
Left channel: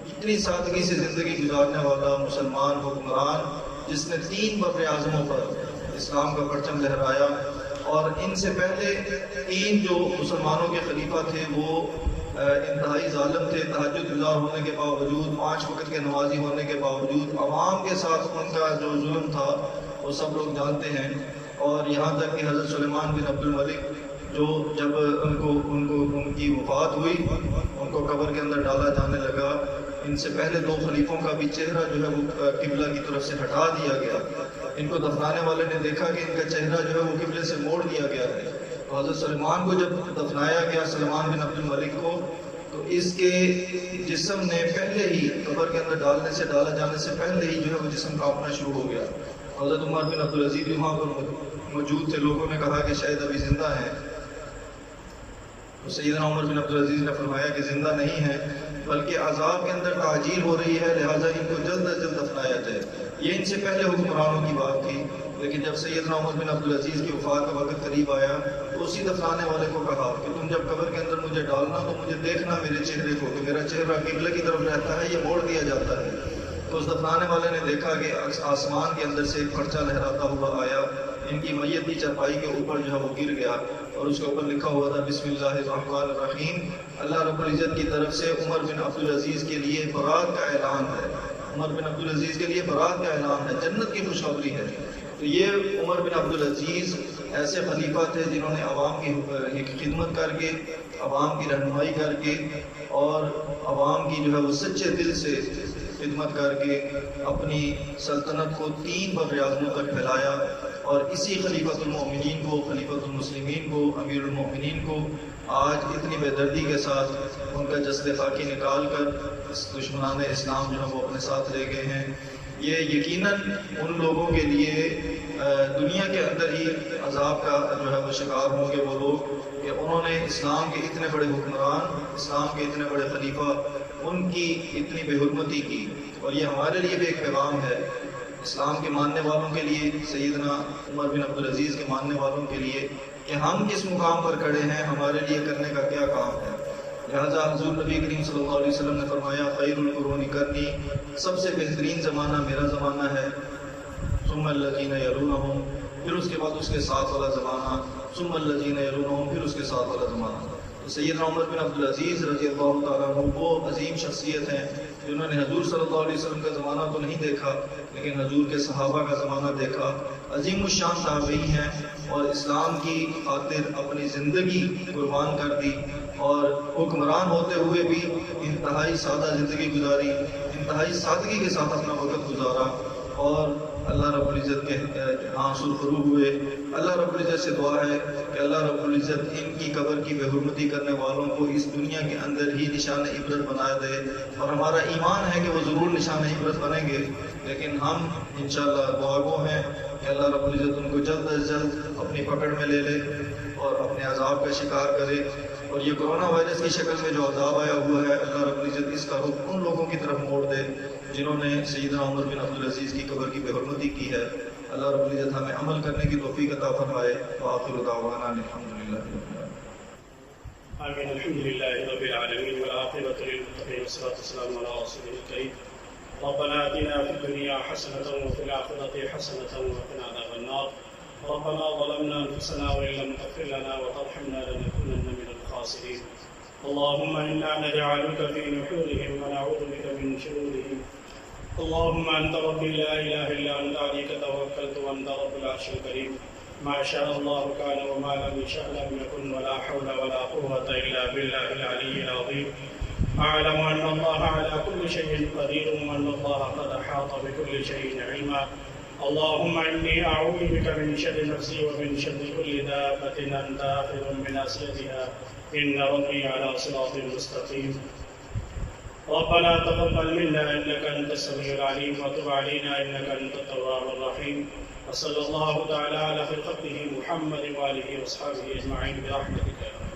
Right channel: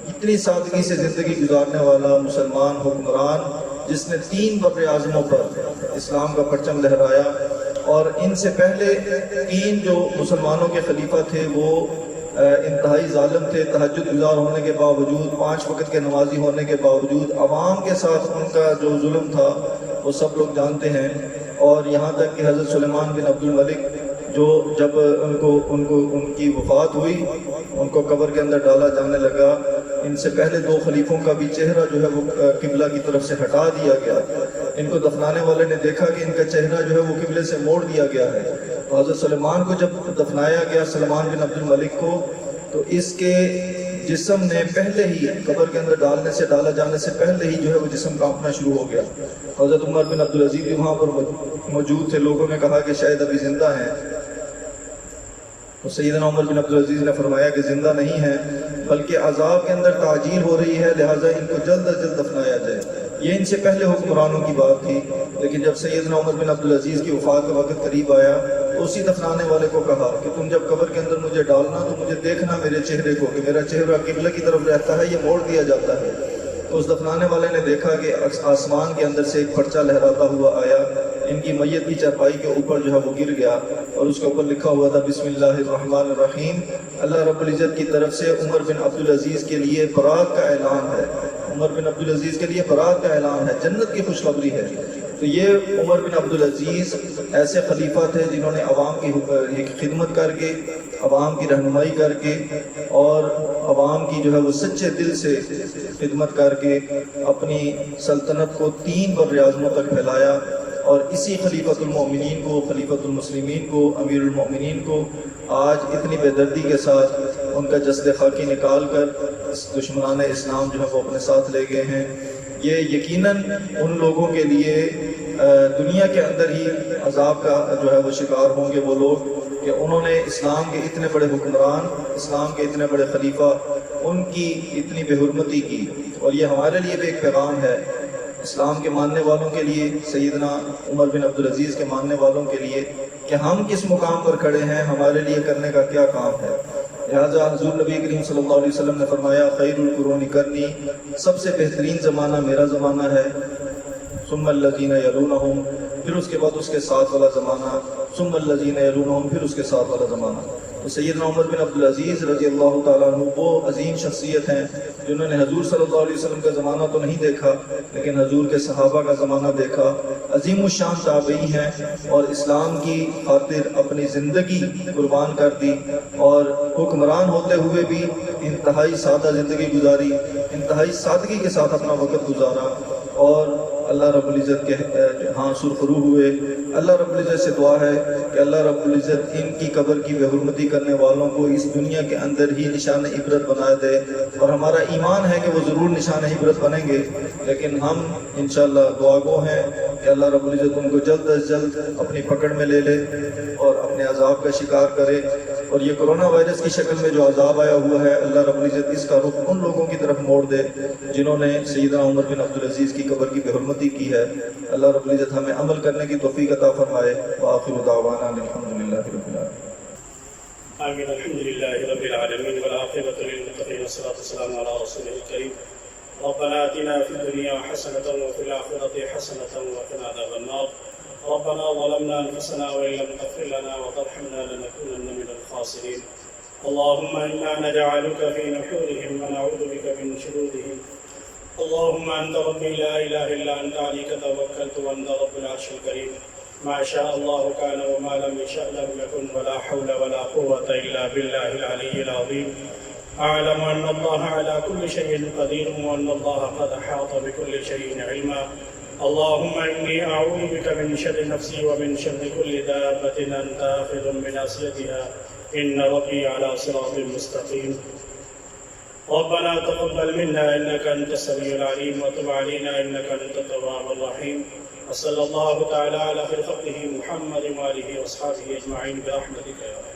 اتنی سادگی سے زندگی گزارنے والا مسلمان حکمران جس نے 3 بر اعظموں پر اسلام کا پرچم لہرایا. اور ان سے پہلے 3 جو مسلمانوں کے خلیفہ تھے وہ انتہائی ظالم تھے. تہجد گزار ہونے کے باوجود، 5 وقت کے نمازی ہونے کے باوجود عوام کے ساتھ ان کا جو ظلم تھا وہ سب لوگ جانتے ہیں. اور یہاں تک کہ حضرت سلیمان بن عبد الملک جو جب ان کی وفات ہوئی، ان کو قبر کے اندر ڈالا جانے لگا، ان سے پہلے 2 خلیفوں کا بھی چہرہ جو ہے وہ قبلہ کی طرف سے ہٹا دیا گیا. ان کو دفنانے والے نے دیکھا کہ ان کا چہرہ جو ہے وہ قبلے سے موڑ دیا گیا ہے. حضرت سلیمان کو جب دفنایا گیا، سلیمان بن عبد الملک کو، تو اس کے جسم نے پہلے ہی قبر کے اندر ڈالا جانے سے پہلے ہی جو ہے وہ جسم کانپنا شروع ہو گیا۔ حضرت عمر بن عبدالعزیز بھی وہاں پر موجود تھے، لوگوں نے کہا کہ شاید ابھی زندہ ہیں، تو سیدنا عمر بن عبدالعزیز نے فرمایا کہ زندہ نہیں ہے، بلکہ عذاب کے اندر تعجیل ہو رہی ہے، لہٰذا ان کو جلد از جلد دفنایا جائے۔ یہ ان سے پہلے حکمرانوں کی بات تھی، لیکن جب سیدنا عمر بن عبدالعزیز کی وفات کا وقت قریب آیا تو اسی دفنانے والے کو کہا کہ تم جب قبر کے اندر مجھے ڈالنا تو مجھے دیکھنا میرے چہرے کو، کہ میرا چہرہ قبلہ کی طرف رہتا ہے، یہ موڑ دیا جاتا ہے۔ تو اس دفنانے والے نے دیکھا کہ آسمان کے اندر سے ایک پرچہ لہراتا ہوا آیا، ان کی میت کی چارپائی کے اوپر جو ہے وہ گر گیا، اور اس کے اوپر لکھا ہوا تھا بسم اللہ الرحمن الرحیم، اللہ رب العزت کی طرف سے عمر بن عبدالعزیز کے لیے برات کا اعلان ہے، عمر بن عبدالعزیز کے لیے برات کا اعلان ہے، جنت کی خوشخبری ہے۔ تو یہ عمر بن عبدالعزیز ایسے خلیفہ تھے جنہوں نے عوام کی خدمت کر کے، عوام کی رہنمائی کر کے، اور عوام کی جو ہے وہ سچے دل سے خدمت کر کے اپنی سلطنت کو 3 براعظموں تک پھیلایا، اور اسی خلیفۃ المؤمنین کو، خلیفۃ المسلمین کو، امیر المؤمنین کو آج اتنی بے دردی کے ساتھ ان کا جسد خاکی نکال کر دشمنان اسلام جو ہے وہ اپنے ساتھ لے گئے ہیں۔ یہ یقیناً ان لوگوں کے لیے دنیا کے اندر ہی عذاب کا جو ہے وہ شکار ہوں گے وہ لوگ کہ انہوں نے اسلام کے اتنے بڑے حکمران، اسلام کے اتنے بڑے خلیفہ، ان کی اتنی بے حرمتی کی۔ اور یہ ہمارے لیے بھی ایک پیغام ہے، اسلام کے ماننے والوں کے لیے، سیدنا عمر بن عبدالعزیز کے ماننے والوں کے لیے، کہ ہم کس مقام پر کھڑے ہیں، ہمارے لیے کرنے کا کیا کام ہے۔ لہٰذا حضور نبی کریم صلی اللہ علیہ وسلم نے فرمایا خیر القرون قرنی، سب سے بہترین زمانہ میرا زمانہ ہے، ثم الذین یلونہم، پھر اس کے بعد اس کے ساتھ والا زمانہ، ثم الذین یلونہم، پھر اس کے ساتھ والا زمانہ۔ تو سیدنا عمر بن عبدالعزیز رضی اللہ تعالیٰ عنہ وہ عظیم شخصیت ہیں جنہوں نے حضور صلی اللہ علیہ وسلم کا زمانہ تو نہیں دیکھا، لیکن حضور کے صحابہ کا زمانہ دیکھا، عظیم الشان تابعی ہیں، اور اسلام کی خاطر اپنی زندگی قربان کر دی، اور حکمران ہوتے ہوئے بھی انتہائی سادہ زندگی گزاری، انتہائی سادگی کے ساتھ اپنا وقت گزارا، اور اللہ رب العزت کے ہاں سرخرو ہوئے۔ اللہ رب العزت سے دعا ہے کہ اللہ رب العزت ان کی قبر کی بے حرمتی کرنے والوں کو اس دنیا کے اندر ہی نشان عبرت بنا دے، اور ہمارا ایمان ہے کہ وہ ضرور نشان عبرت بنیں گے، لیکن ہم انشاءاللہ دعا گو ہیں کہ اللہ رب العزت ان کو جلد از جلد اپنی پکڑ میں لے لے اور اپنے عذاب کا شکار کرے۔ اور یہ کرونا وائرس کی شکل میں جو عذاب آیا ہوا ہے، اللہ رب العزت اس کا رخ ان لوگوں کی طرف موڑ دے جنہوں نے سیدنا عمر بن عبدالعزیز کی قبر کی بے حرمتی کی ہے۔ اللہ رب العزت ہمیں عمل کرنے کی توفیق عطا فرمائے۔ وآخر دعوانا الحمدللہ رب العالمین۔ آمین، الحمدللہ رب العالمین، والعاقبۃ للمتقین، والصلاۃ والسلام علی رسولہ الکریم۔ ربنا آتنا فی الدنیا حسنۃ وفی الآخرۃ حسنۃ وقنا عذاب النار۔ ربنا ظلمنا أنفسنا وإن لم تغفر لنا وترحمنا لنكونن من الخاسرين۔ اللهم إنا نجعلك في نحورهم ونعوذ بك من شرورهم۔ اللهم أنت ربي لا إله إلا أنت، عليك توكلت وأنت رب العرش الكريم۔ ما شاء الله كان وما لم يشأ لم يكن، ولا حول ولا قوة إلا بالله العلي العظيم۔ أعلم أن الله على كل شيء قدير، وأن الله قد أحاط بكل شيء علما۔ اللهم إني أعوذ بك من شر نفسي ومن شر كل دابة أنت آخذ بناصيتها، إن ربي على صراط مستقيم۔ ربنا تقبل منا إنك أنت السميع العليم، وتب علينا إنك أنت التواب الرحيم۔ وصلى الله تعالى على خير خلقه محمد وآله وأصحابه أجمعين برحمتك يا رب۔